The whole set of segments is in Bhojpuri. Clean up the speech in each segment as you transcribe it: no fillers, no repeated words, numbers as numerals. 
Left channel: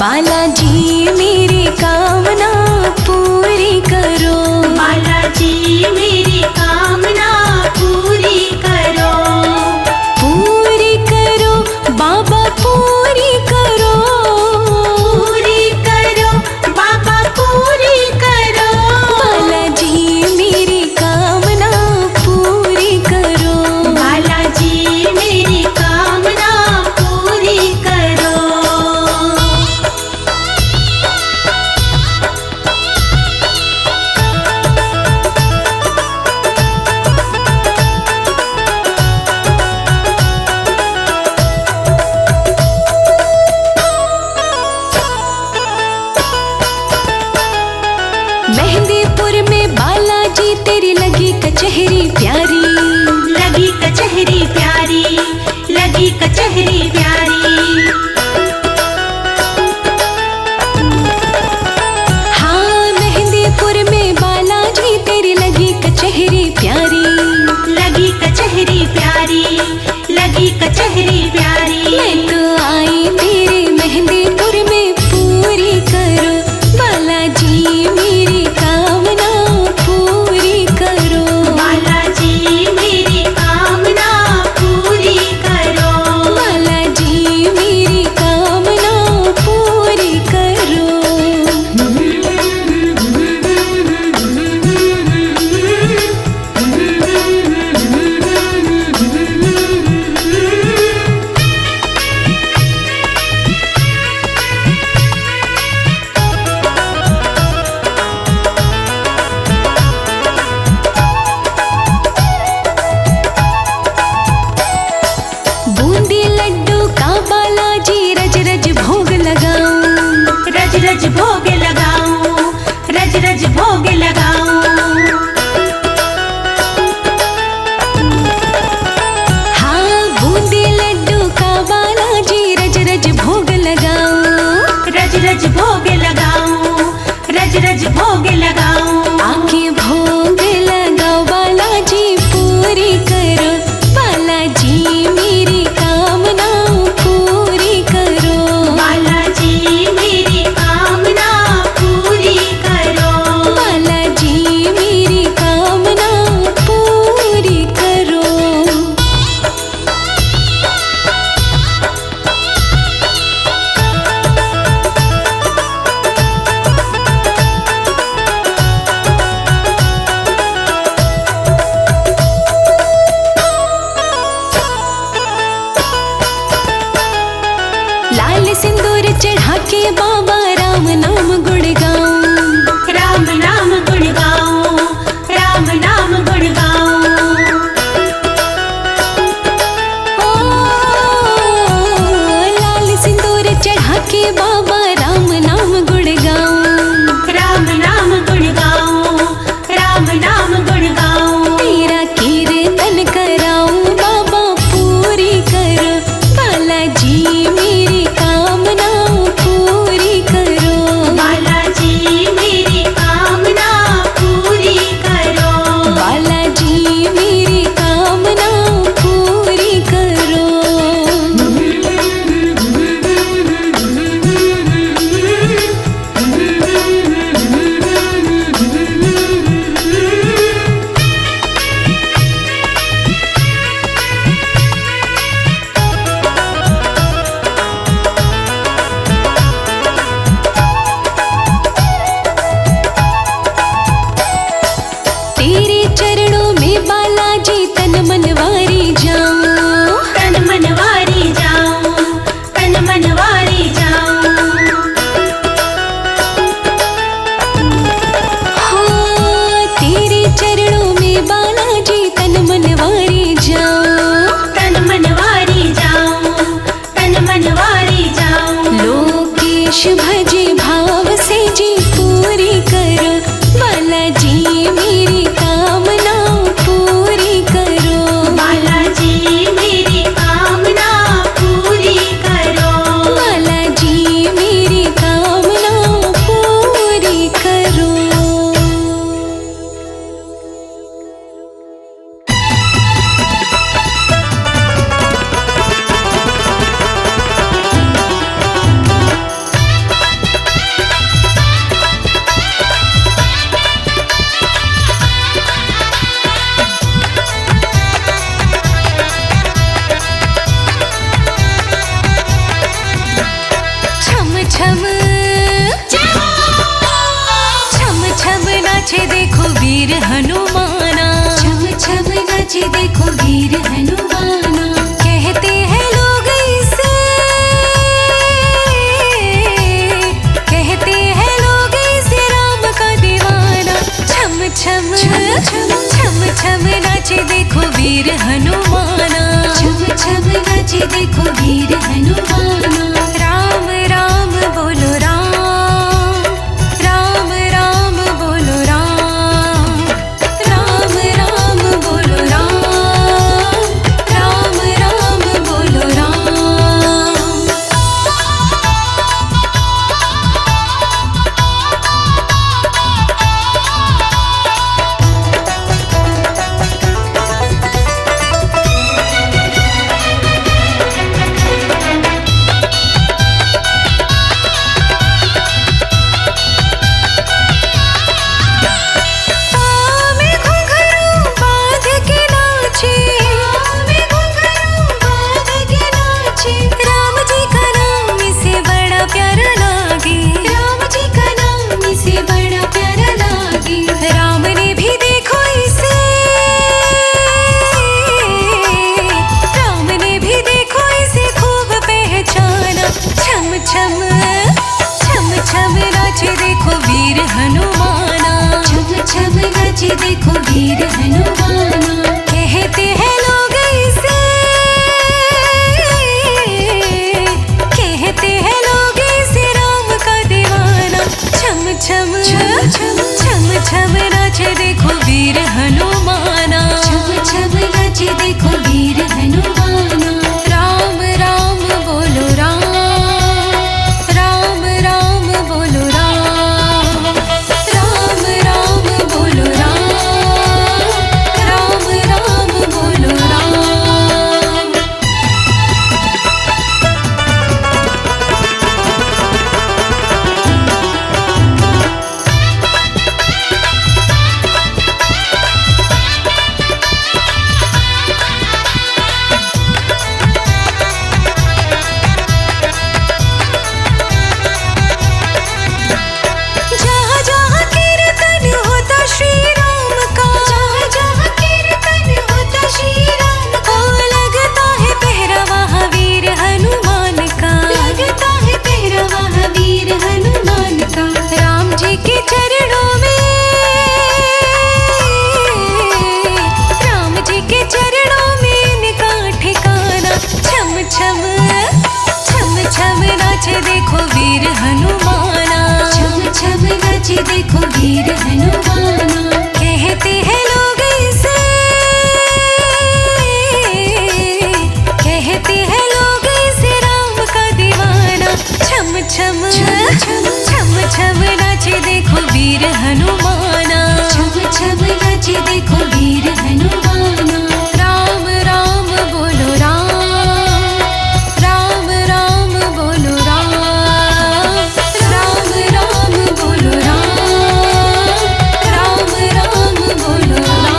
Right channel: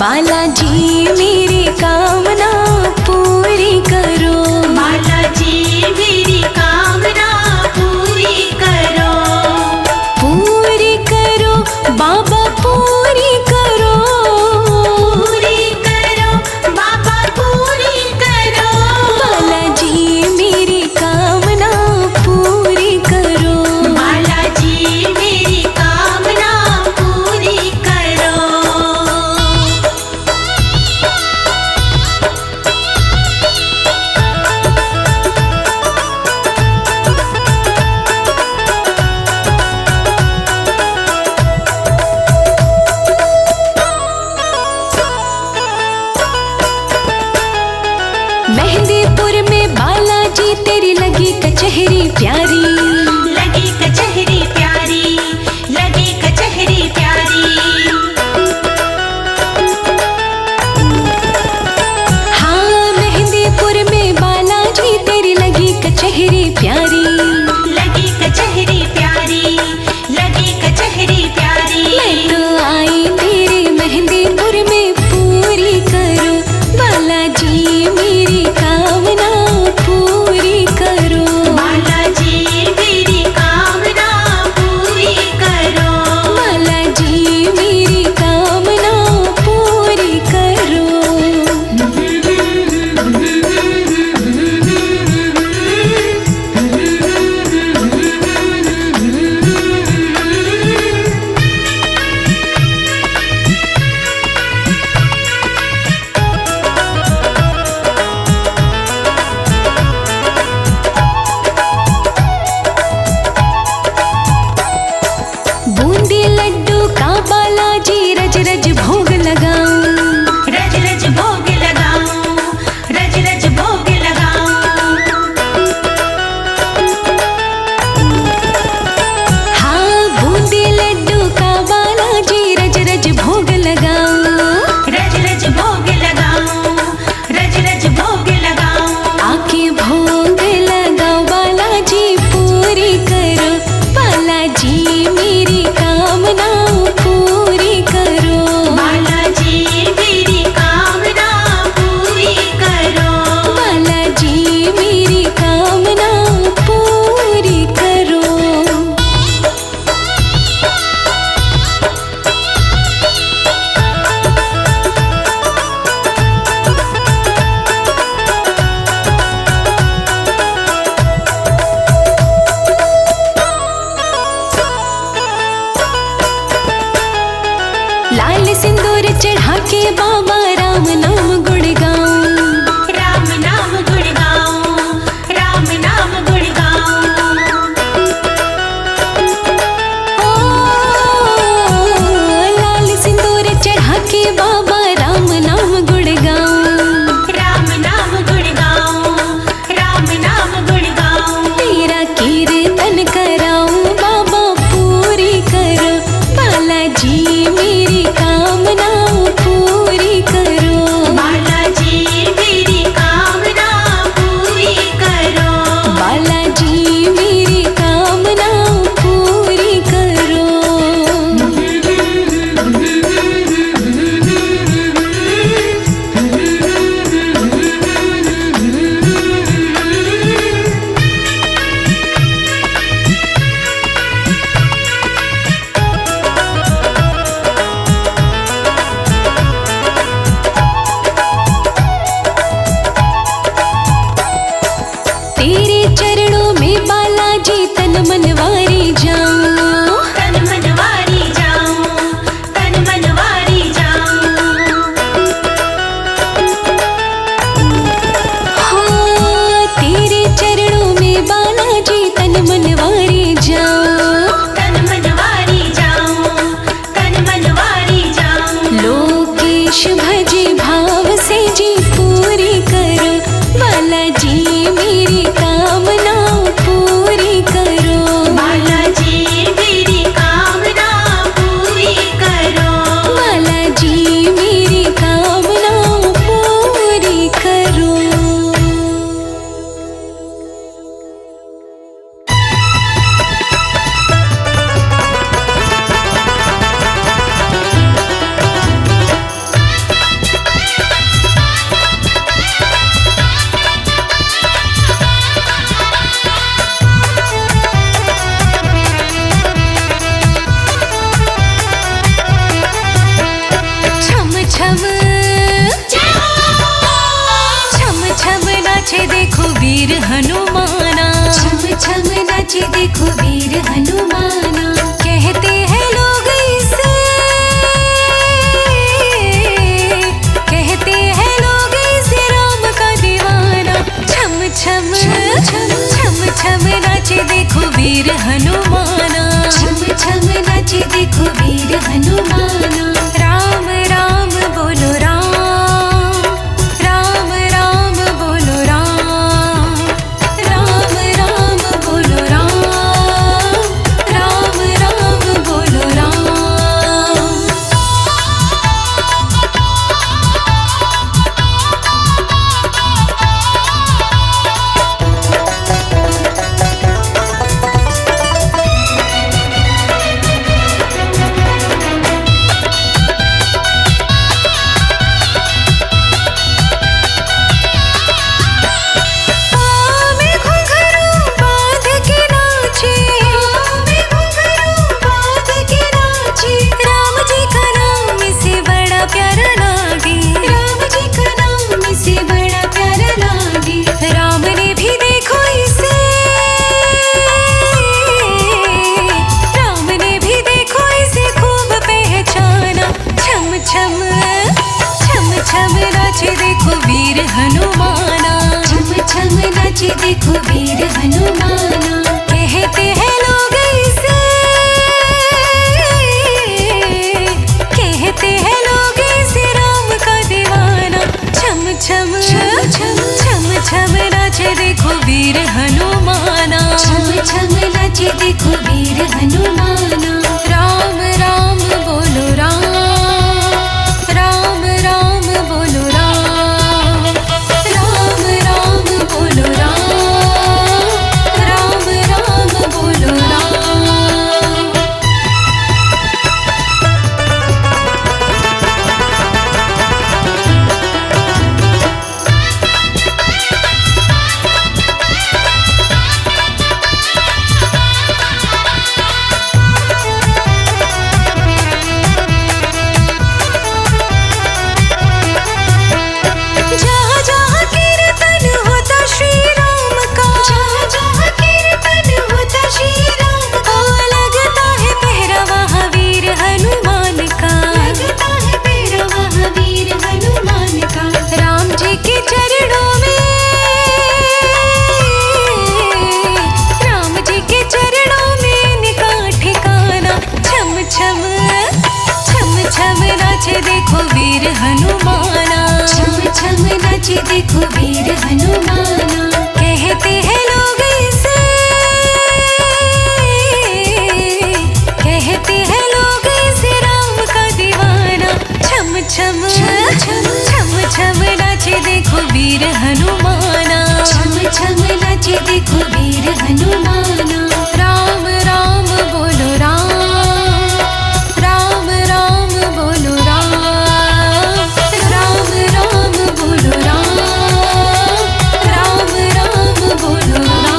बालाजी मेरी कामना पूरी करो। बालाजी मेरी कामना पूरी करो। पूरी करो बाबा पूरी करो। पूरी करो बाबा पूरी करो। बालाजी मेरी कामना पूरी करो। बालाजी मेरी कामना पूरी करो। मेहंदीपुर में बालाजी तेरी लगी कचहरी प्यारी। लगी कचहरी प्यारी, लगी कचहरी प्यारी। हाँ मेहंदीपुर में बालाजी तेरी लगी कचहरी प्यारी। लगी कचहरी प्यारी, लगी कचहरी प्यारी। मैं तो आई तेरे मेहंदीपुर में पूरी करो। बालाजी मेरी कामना पूरी करो। बालाजी मेरी कामना पूरी करो। बालाजी मेरी कामना पूरी करो। बूंदी लड्डू का बालाजी रज रज भोग लगाऊं। रज रज भोग लगाऊं, रज रज भोग लगाऊं। हाँ बूंदी लड्डू का बालाजी रज रज भोग लगाऊं। रज रज भोग लगाऊं, रज रज भोग लगाऊं। आके भोग लगाओ बालाजी पूरी करो। बालाजी मेरी कामना पूरी करो। बालाजी मेरी कामना पूरी करो। बालाजी मेरी कामना पूरी करो। लाल सिंदूर चढ़ा के बाबा राम नाम गुण गाऊं। राम नाम गुण गाऊं, राम नाम गुण गाऊं। ओ लाल सिंदूर चढ़ा के बाबा राम नाम गुण गाऊं। राम नाम गुण गाऊं, राम नाम गुण गाऊं। तेरा कीर्तन कराऊं बाबा पूरी करो। बालाजी मेरी कामना पूरी करो। बालाजी मेरी कामना पूरी करो। बालाजी मेरी कामना पूरी करो। तेरे चरणों में बालाजी तन मनवारी जाऊं। तन मनवारी जाऊं, तन मनवारी जाऊं। हाँ तेरे चरणों में बालाजी तन मनवारी जाऊं। तन मनवारी जाऊं, तन मनवारी जाऊं। लोकेश भजे भाव से जी पूरी करो। बालाजी मेरी कामना पूरी करो। बालाजी मेरी कामना पूरी करो। बालाजी मेरी कामना पूरी करो। वीर हनुमाना। छम छम नाचे देखो वीर हनुमाना। कहते हैं लोग इसे, कहते हैं लोग इसे राम का दीवाना। छम छम छम छम नाचे देखो वीर हनुमाना। छम छम नाचे देखो वीर हनुमाना। राम राम बोलो राम, राम राम बोलो राम, राम राम बोलो राम, राम राम बोलो राम। प्यारा लागे राम जी का नाम इसे बड़ा प्यारा लागे। राम ने भी देखो इसे, राम ने भी देखो इसे खूब पहचाना। छम छम छम छम नाचे देखो वीर हनुमाना। छम छम नाचे देखो वीर हनुमाना। कहते हैं लोग इसे, कहते हैं लोग इसे राम का दीवाना। छम छम छम छम नाचे देखो वीर हनुमाना। छम छम नाचे देखो वीर हनुमाना। राम राम बोलो राम, राम राम बोलो राम, राम राम बोलो राम, राम राम बोलो राम। जहाँ जहाँ कीर्तन होता श्री राम का, जहाँ जहाँ कीर्तन होता श्री राम का। ओ लगता है पहरा वहाँ वीर हनुमान का। लगता है पहरा वहाँ वीर हनुमान का। राम जी के चरणों में, राम जी के चरणों में इनका ठिकाना। छम छम छम छम नाचे देखो वीर हनुमाना। छम छम नाचे देखो वीर हनुमाना। कहते हैं लोग इसे, कहते हैं लोग इसे राम का दीवाना। छम छम छम छम नाचे देखो वीर हनुमाना। छम छम नाचे देखो वीर हनुमाना। राम राम बोलो राम, राम राम बोलो राम, राम राम बोलो राम, राम राम बोलो राम।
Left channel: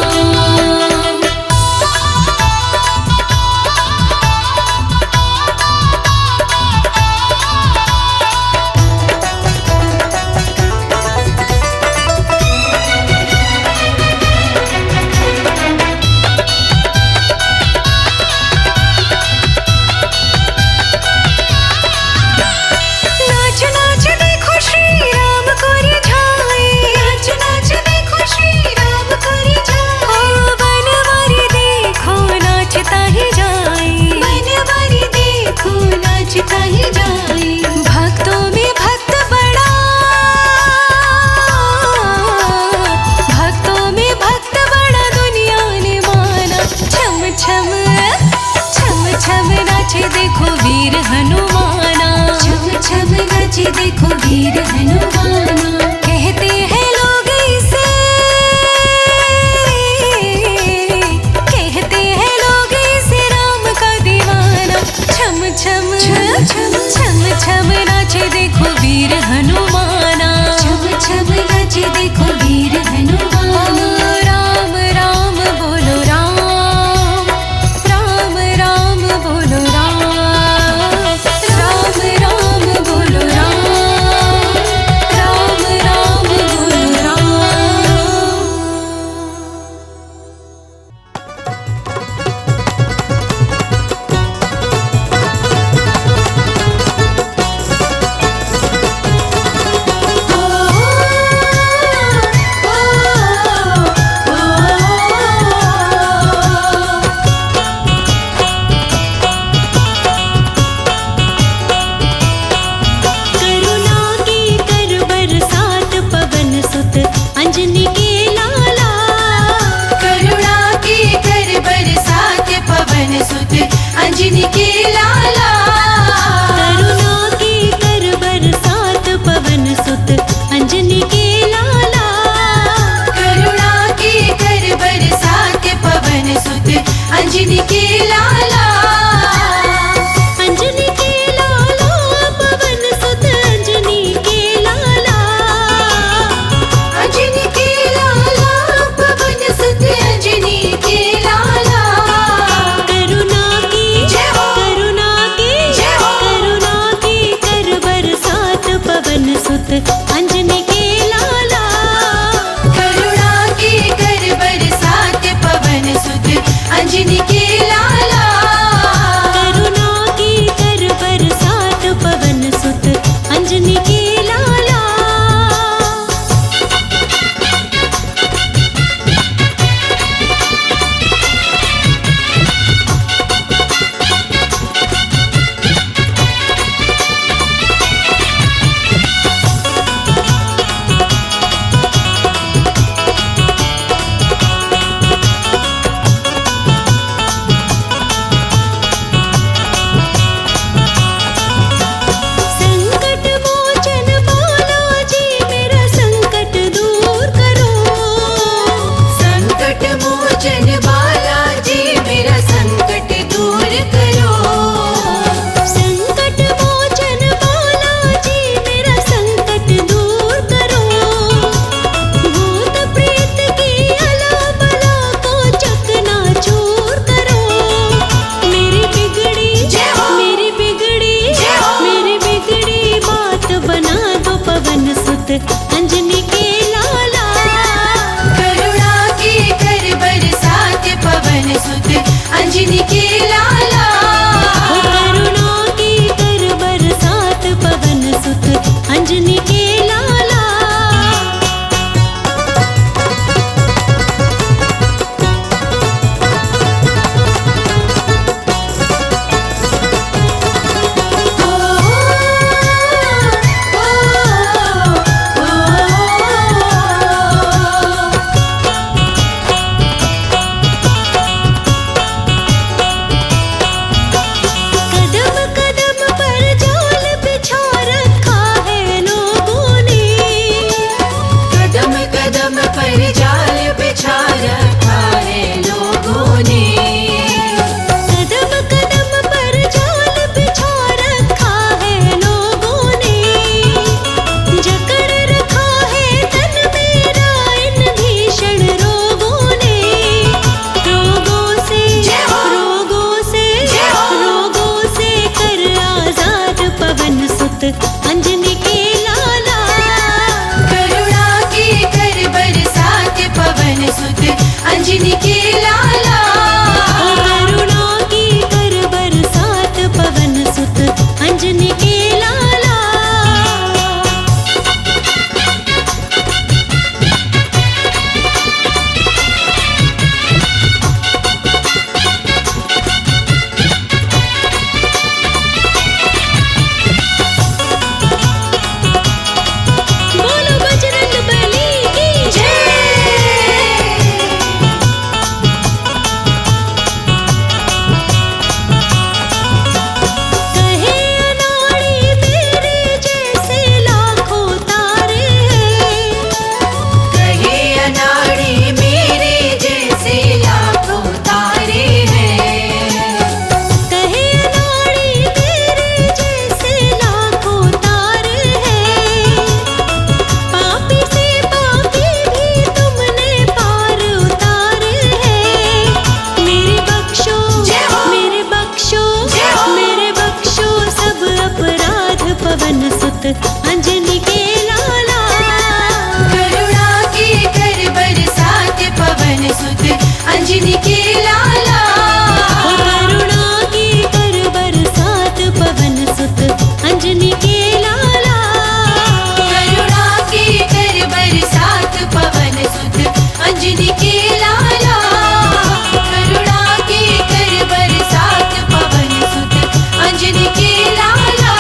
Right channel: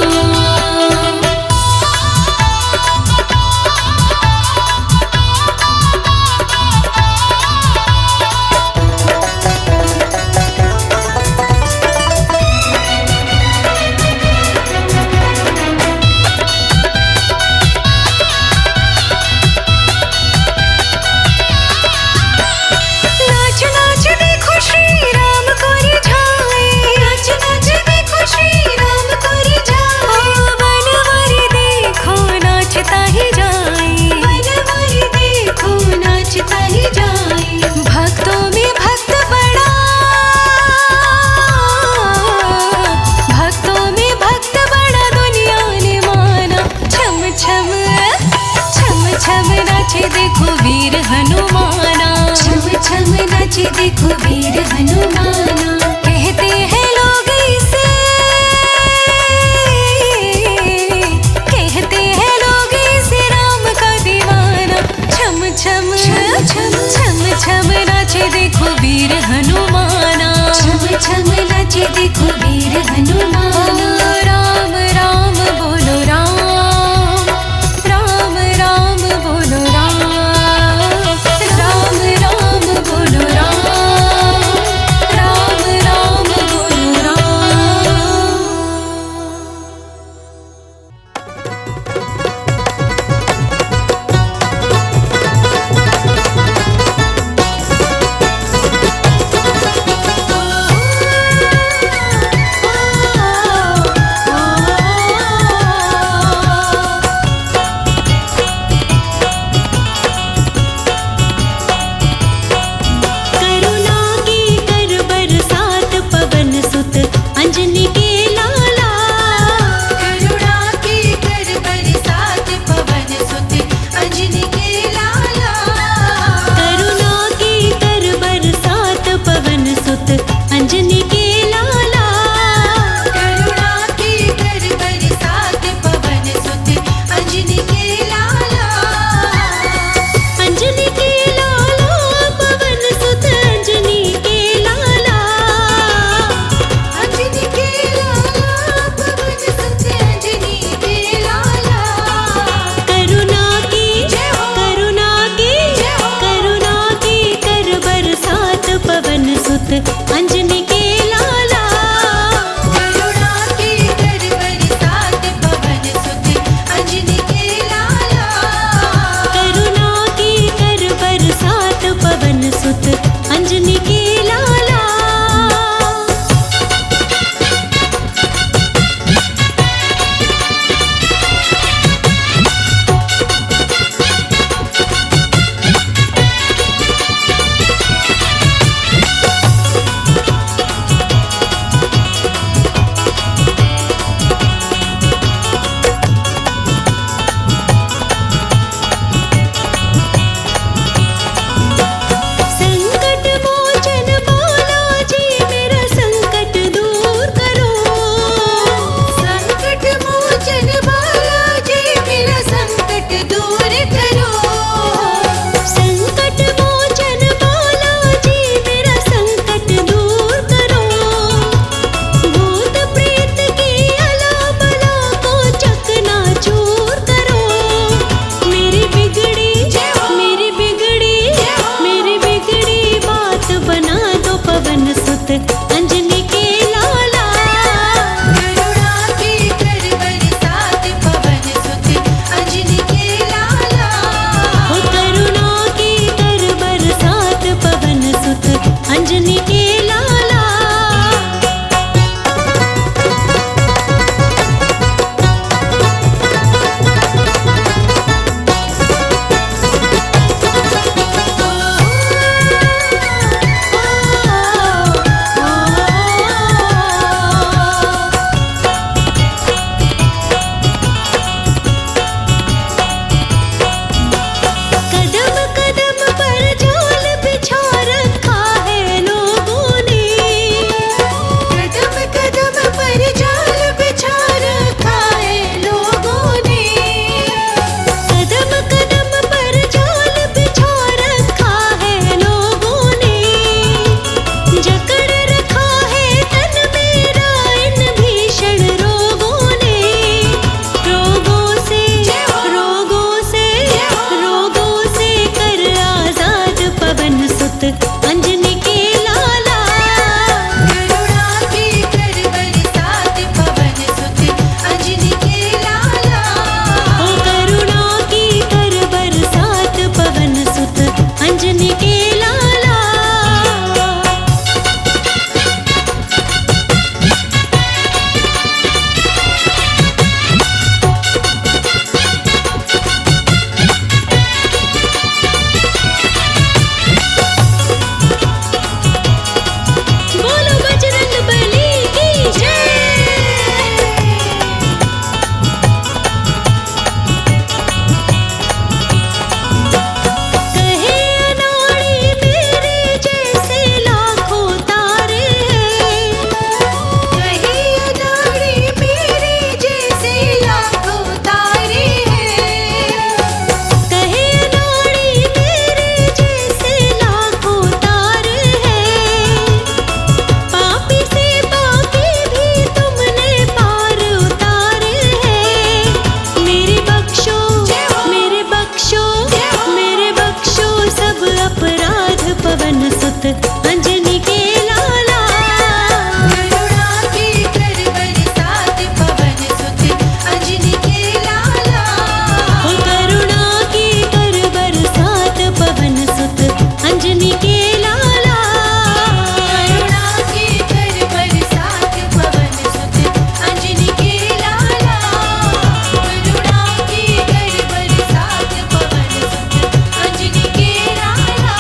नाच नाच देखो श्री राम को रिझाए। नाच नाच देखो श्री राम को रिझाए। ओ बनवारी देखो नाचता ही जाए। बनवारी देखो नाचता ही जाए। भक्तों में भक्त बड़ा, भक्तों में भक्त बड़ा दुनिया ने माना। छम छम छम छम नाचे देखो वीर हनुमाना। छम छम नाचे देखो वीर हनुमाना। कहते हैं लोग इसे, कहते हैं लोग इसे राम का दीवाना। छम छम छम छम नाचे देखो वीर हनुमाना। छम छम नाचे देखो वीर हनुमाना। ओ राम राम बोलो राम, राम राम बोलो राम, राम राम बोलो राम, राम राम बोलो राम। सुत अंजनी के लाला। करुणा के कर बरसात पवन सुत अंजनी के लाला। करुणा की कर बरसात पवन सुत अंजनी के लाला। संकट मोचन बालाजी मेरा संकट दूर करो। संकट मोचन बालाजी मेरा संकट दूर करो। संकट मोचन बालाजी मेरा संकट दूर करो। भूत प्रेत की अला बला को चकनाचूर करो। मेरी बिगड़ी बात बना दो पवन सुत अंजनी के लाला। करुणा के कर बरसात पवन सुत अंजनी के लाला। हो करुणा की कर बरसात पवन सुत अंजनी के लाला। कदम कदम पर जाल बिछा रखा है लोगों ने। कदम कदम पर जाल बिछा रखा है लोगों ने। कदम कदम पर जाल बिछा रखा है लोगों ने। जकड़ रखा है तन मेरा इन भीषण रोगों ने। रोगों से कर आजाद पवन सुत अंजनी के लाला। करुणा के कर बरसात पवन सुत अंजनी के लाला। ओ करुणा की कर बरसात पवन सुत अंजनी के लाला। बोलो बजरंग बली की कहे अनाड़ी मेरे जैसे लाखों तारे हैं। कहे अनाड़ी मेरे जैसे लाखों तारे हैं। कहे अनाड़ी मेरे जैसे लाखों तारे हैं। पापी से पापी भी तुमने पार उतारे हैं। मेरे बख्शो सब अपराध पवन सुत अंजनी के लाला। करुणा के कर बरसात पवन सुत अंजनी के लाला। हो करुणा की कर बरसात पवन सुत अंजनी के लाला। करुणा के कर बरसात पवन सुत अंजनी के लाला। करुणा के कर बरसात पवन सुत अंजनी के लाला।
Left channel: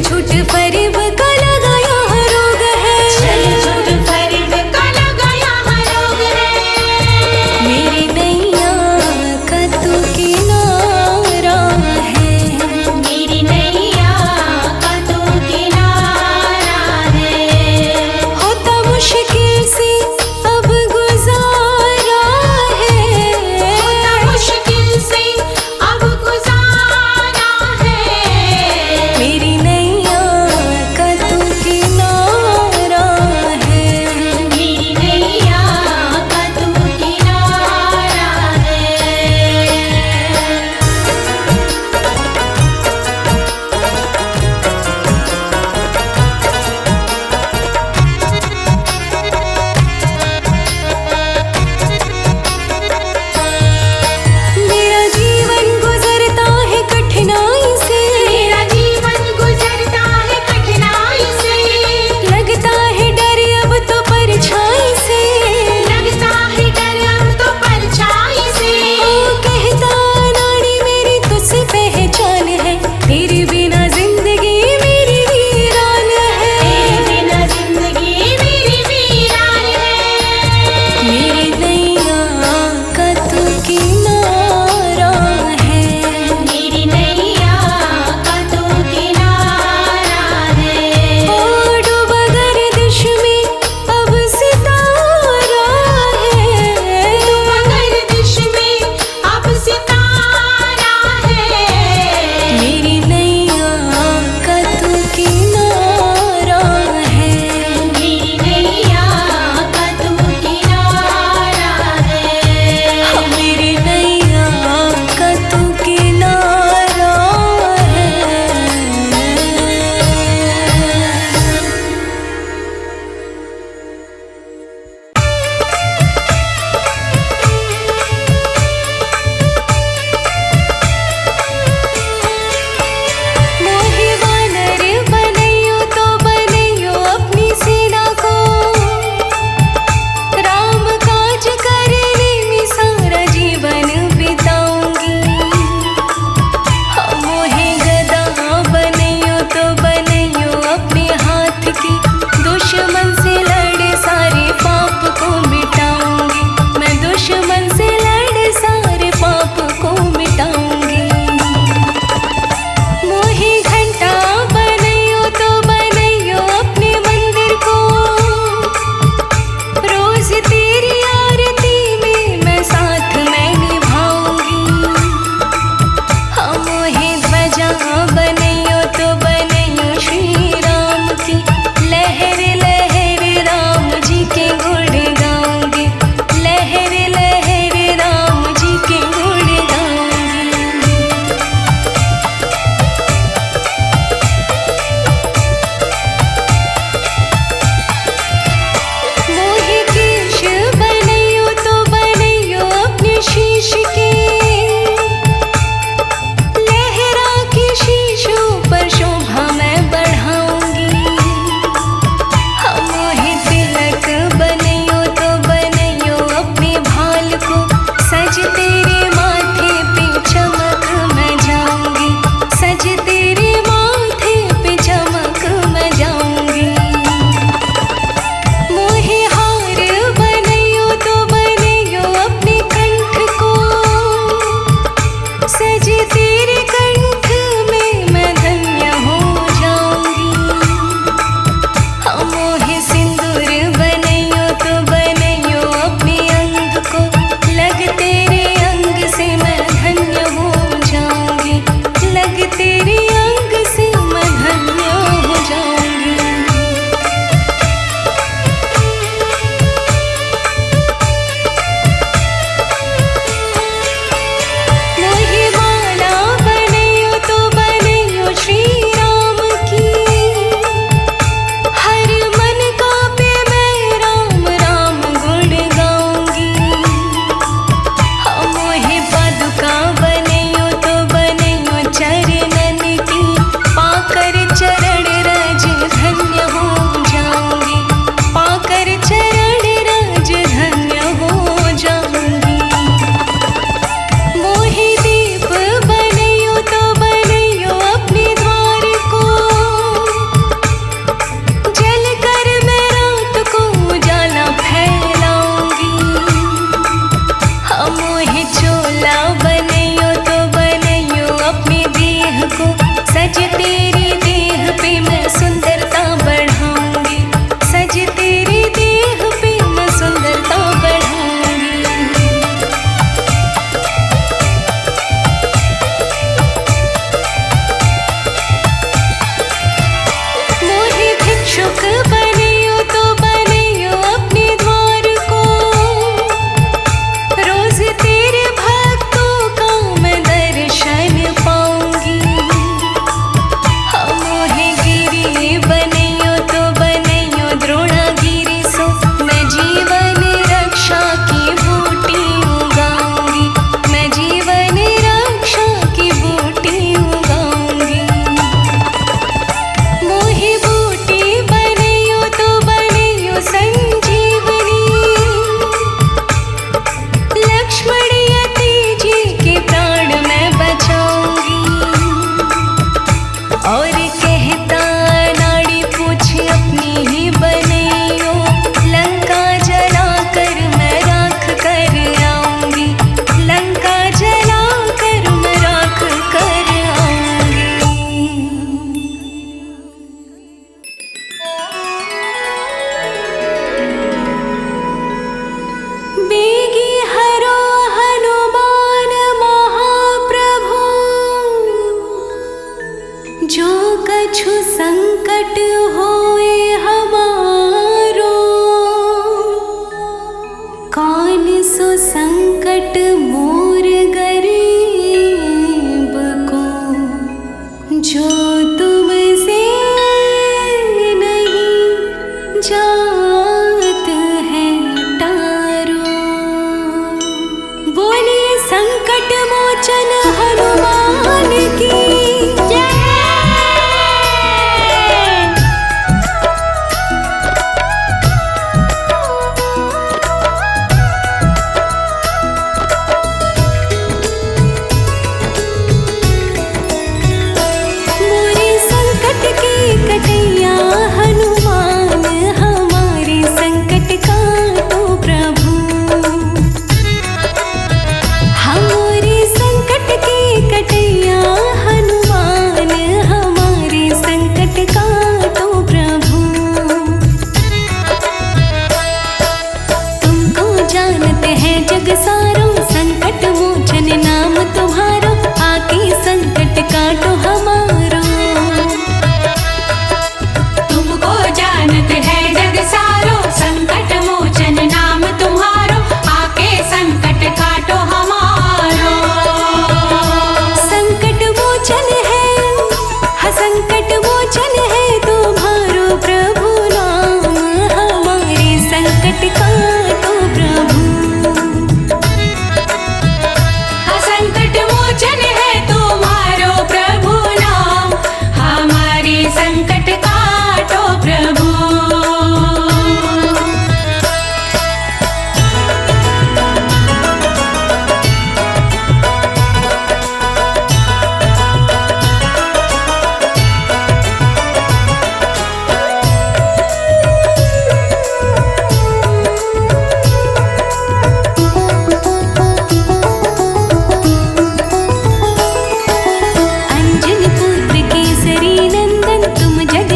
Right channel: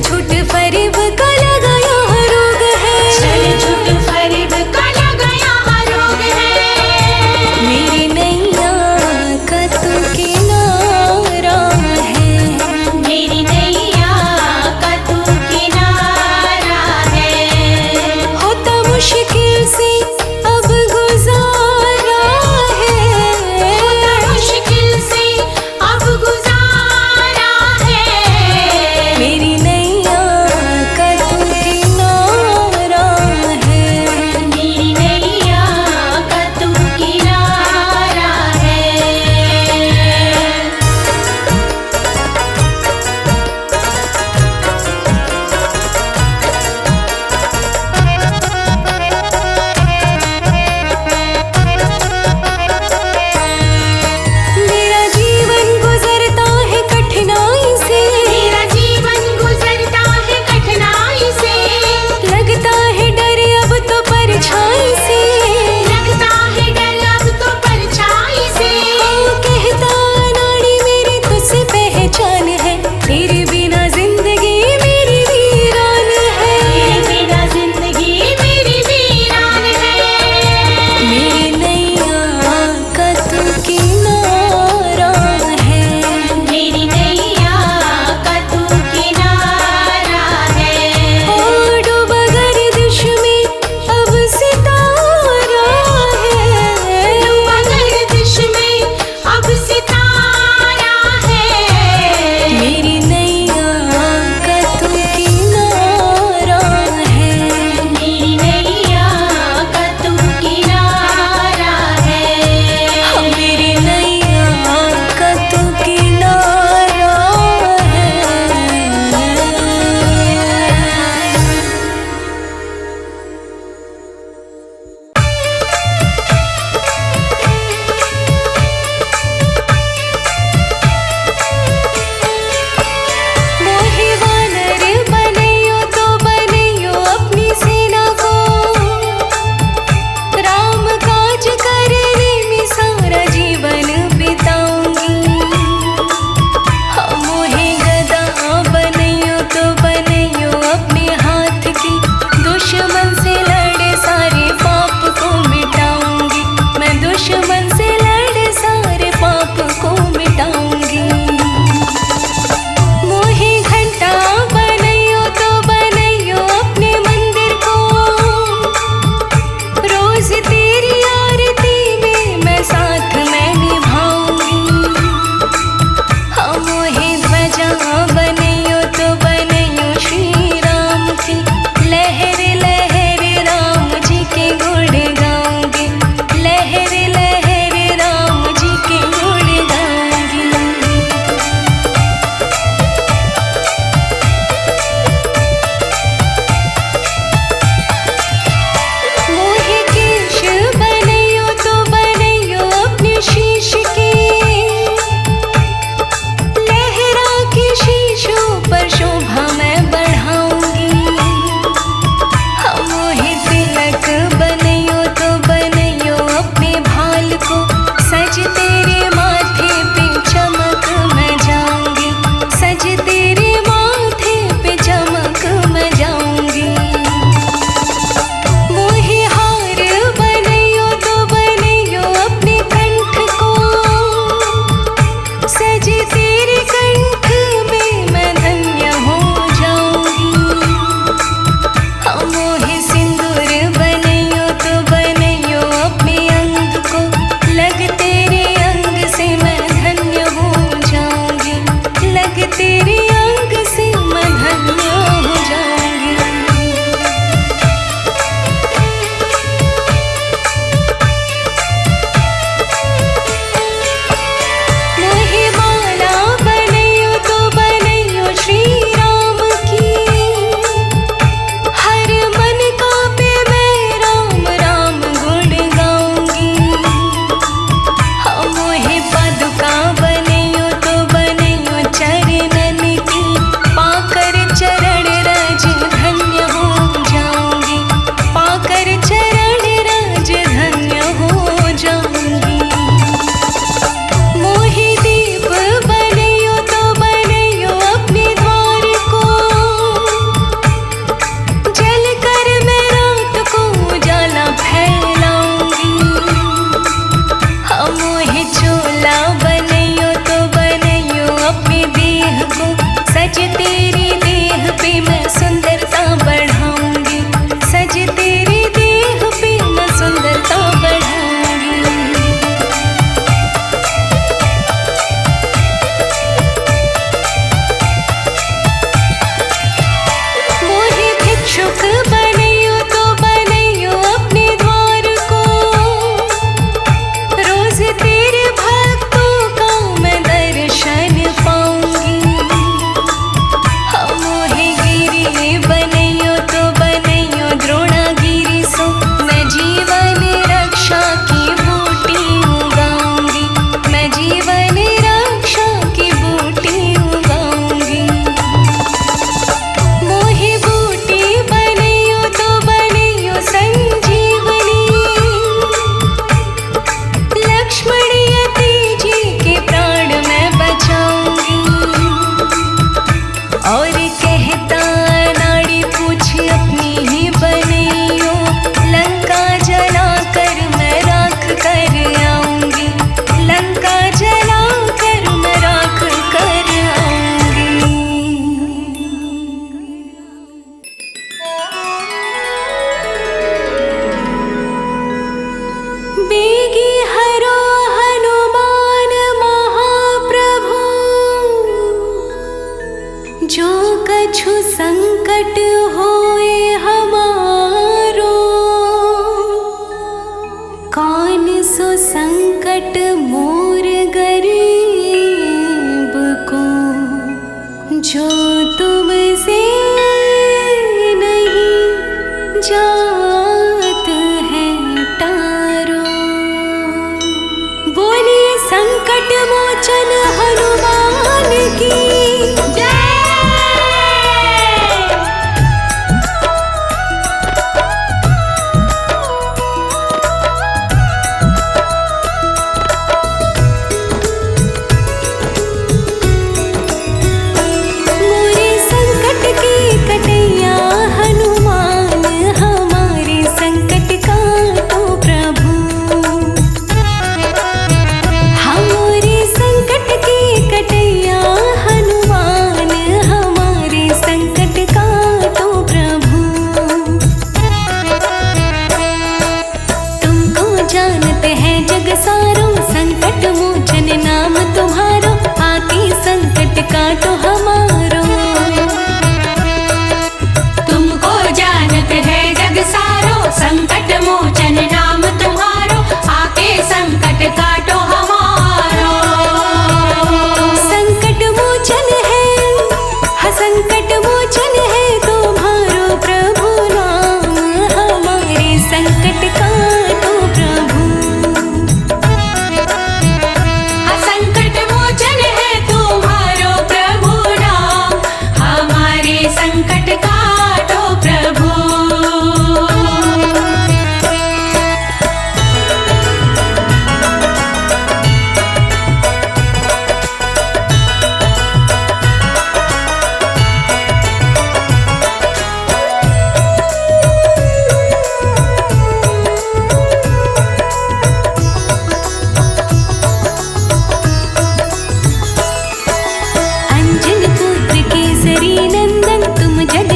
झूठ फरेब का लगाया रोग है, छल झूठ फरेब का लगाया रोग है। मेरी नैया का तू किनारा है, मेरी नैया का तू किनारा है। होता मुश्किल से अब गुजारा है, मुश्किल से अब गुजारा है। मेरी नैया का तू किनारा है। मेरी नैया का तू किनारा है। सज तेरी देह पे मैं सुंदरता बढ़ाऊंगी, सज तेरी देह पे मैं सुंदरता बढ़ाऊंगी। मोहे भिक्षुक बनैयो तो बनैयो अपने द्वार को, रोज तेरे भक्तों का मैं दर्शन पाऊंगी। मोहे गिरी बनैयो तो बनैयो द्रोणागिरी सो, मैं जीवन रक्षा की बूटी उगाऊंगी, मैं जीवन रक्षा की बूटी उगाऊंगी। मोहे बूटी बनैयो तो बनैयो संजीवनी, लक्ष्मण यति जी के प्राण मैं बचाऊंगी। और कहता नाड़ी पूछ अपनी ही बनैयो, लंका जला कर मैं राख कर आऊंगी, लंका जला कर मैं राख कर आऊंगी। बेगी हरो हनुमान महाप्रभु, जो कछु संकट होए हमारो, कौन सो संकट मोर गरीब को, जो तुमसे नहीं जात है टारो। बोलिए संकट मोचन हनुमान की। कटैया हनुमान हमारे संकट काटो प्रभु, हमारे संकट के कटैया हनुमान हमारे संकट काटो प्रभु। तुमको जानते हैं जग सारो, संकट मोचन नाम तुम्हारो, आके संकट काटो हमारो। संकट मोचन नाम तुम्हारो, आके संकट काटो हमारो। संकट मोचन है, हाँ संकट मोचन है तुम्हारो प्रभु नाम, हमारे संकट काटो प्रभु। हाँ संकट मोचन है तुम्हारो प्रभु नाम, हमारे संकट काटो प्रभु।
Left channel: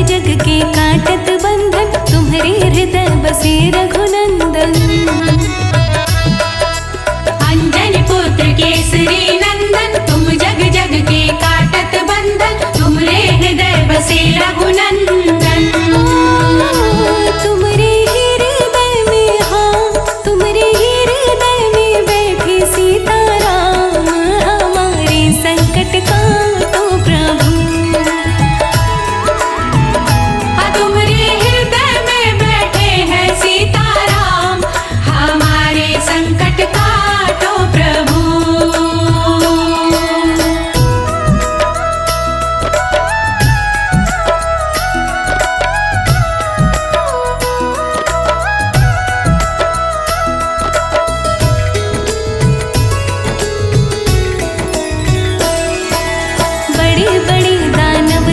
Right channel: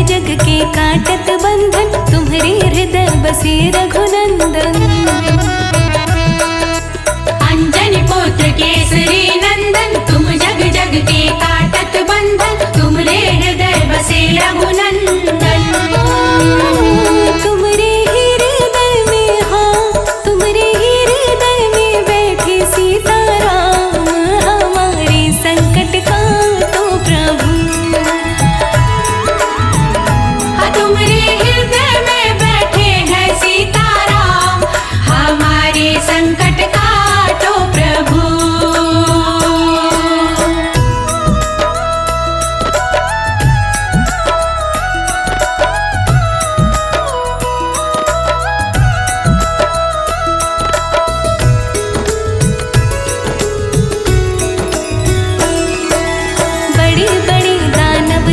जग के काटत बंधन, तुम्हारे हृदय बसे रघुनंदन। अंजनी पुत्र केसरी नंदन, तुम जग जग के काटत बंधन, तुम्हारे हृदय बसे रघुनंदन। तुम्हारे हृदय में, हाँ तुम्हारे हृदय में बैठे सीताराम, हमारे संकट काटो प्रभु।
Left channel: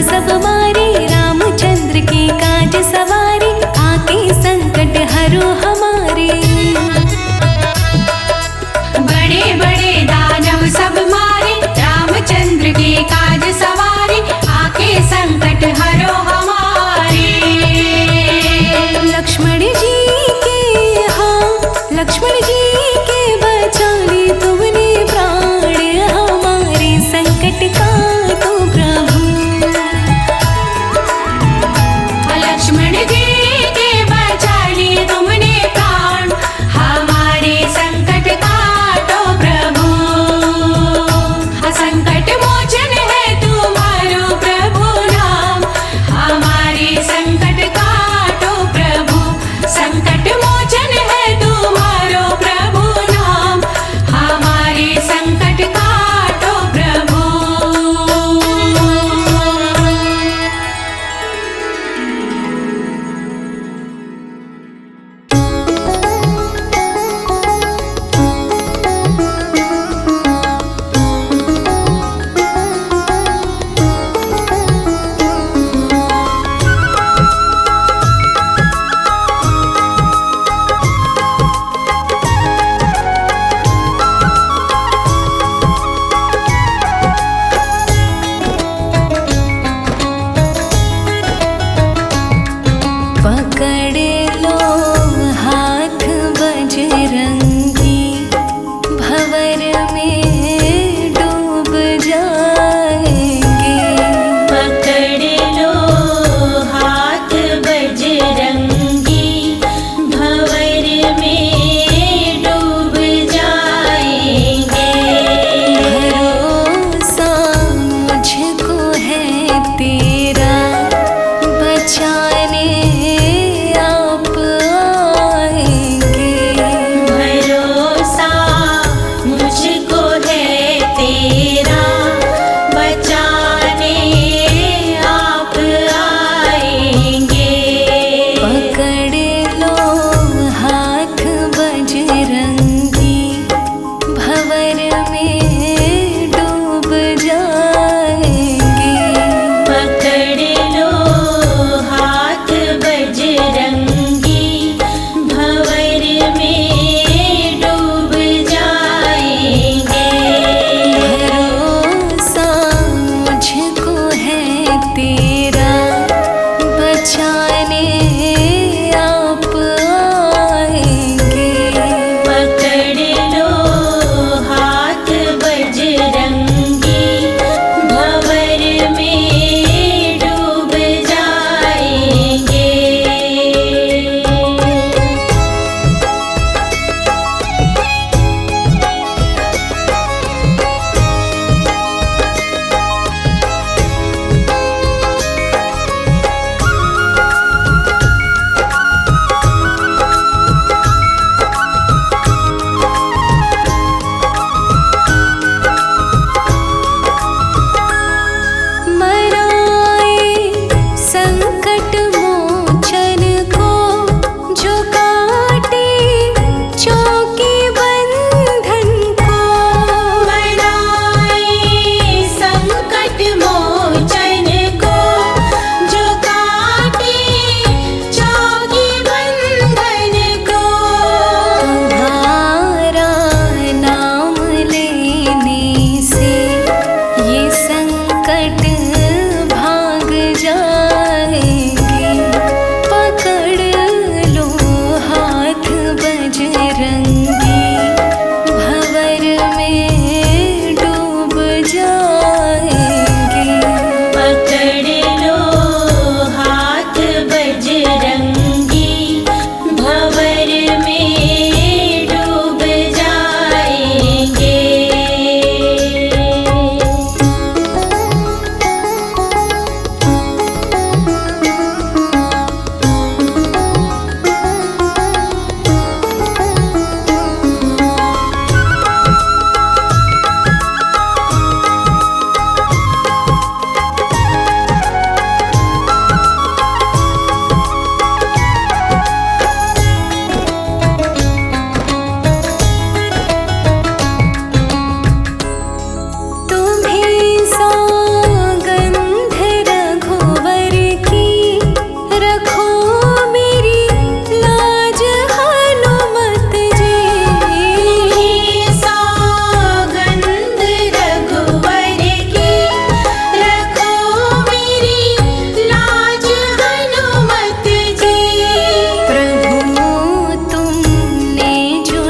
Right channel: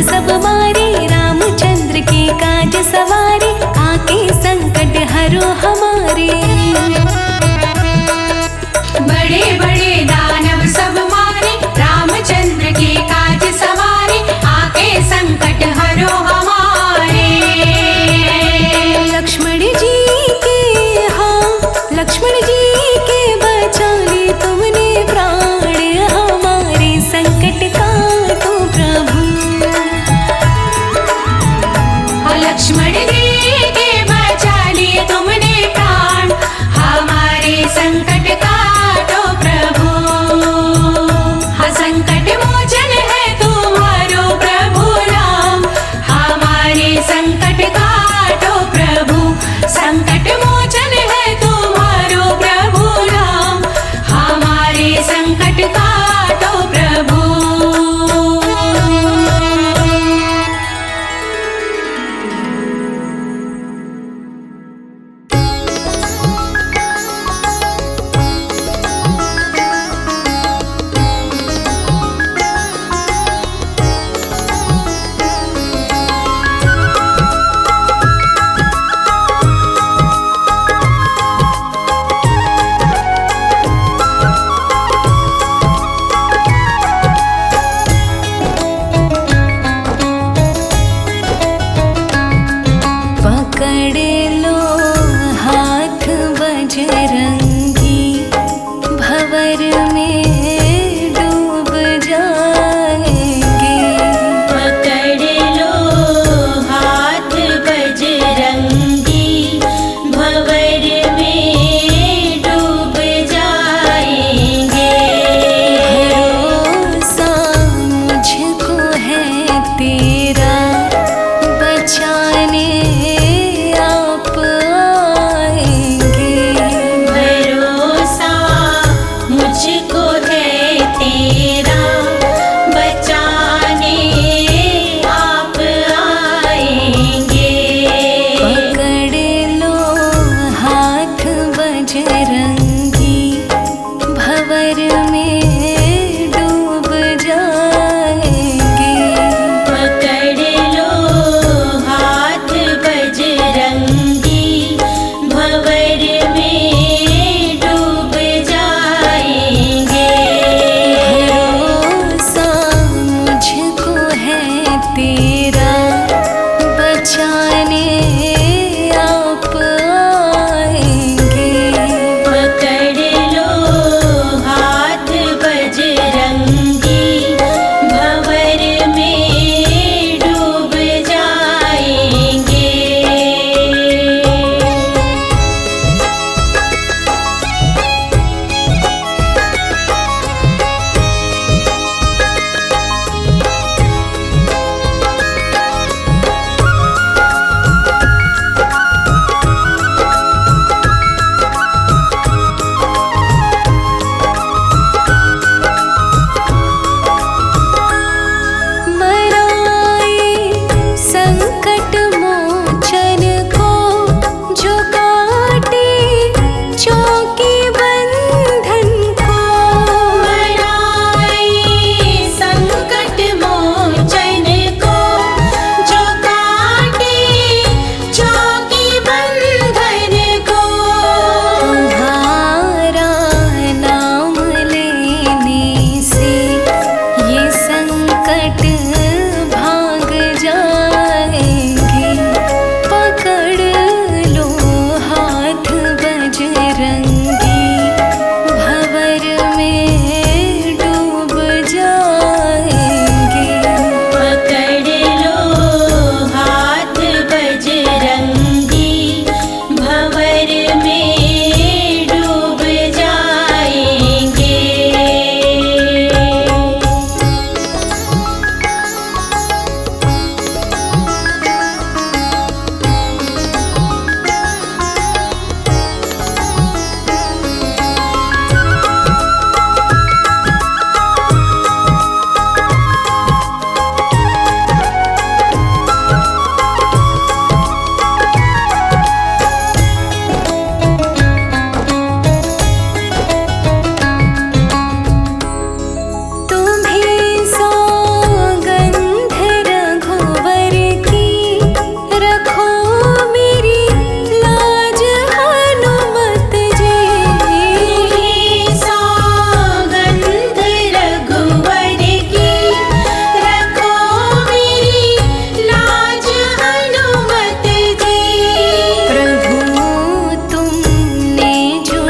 सब मारे रामचंद्र के काज सवारे, आके संकट हरो हमारे। बड़े बड़े दानव सब मारे, रामचंद्र के काज सवारे, आके लक्ष्मण जी के बचा ली तुमने प्राण, हमारे संकट काटो प्रभु। लक्ष्मण जी के बचा ली तुमने प्राण, हमारे संकट काटो प्रभु। संकट मोचन है तुम्हारो प्रभु नाम, हमारे संकट काटो प्रभु। संकट मोचन है तुम्हारो प्रभु नाम, हमारे संकट काटो प्रभु। पकड़ लो हाथ बजरंगी, भंवर में डूब जाएंगे। पकड़ लो हाथ बजरंगी, भंवर में डूब जाएंगे। भरोसा मुझको है तेरा, बचाने आप आएंगे। भरोसा मुझको है तेरा, बचाने आप आएंगे। पकड़ लो हाथ बजरंगी, भंवर में डूब जाएंगे। पकड़ लो हाथ बजरंगी, भंवर में डूब जाएंगे। भरोसा मुझको है तेरा, बचाने आप आएंगे। पकड़ लो हाथ बजरंगी, भंवर में डूब जाएंगे। मराए संकट मोचन को, जो काटे चौकी बंधन को। मराए संकट मोचन को, जो काटे चौकी बंधन को। तुम्हारा नाम लेने से ये संकट भाग जाएंगे। पकड़ लो हाथ बजरंगी, भंवर में डूब जाएंगे। पकड़ लो हाथ बजरंगी, भंवर में डूब जाएंगे। प्रभु तुमने जो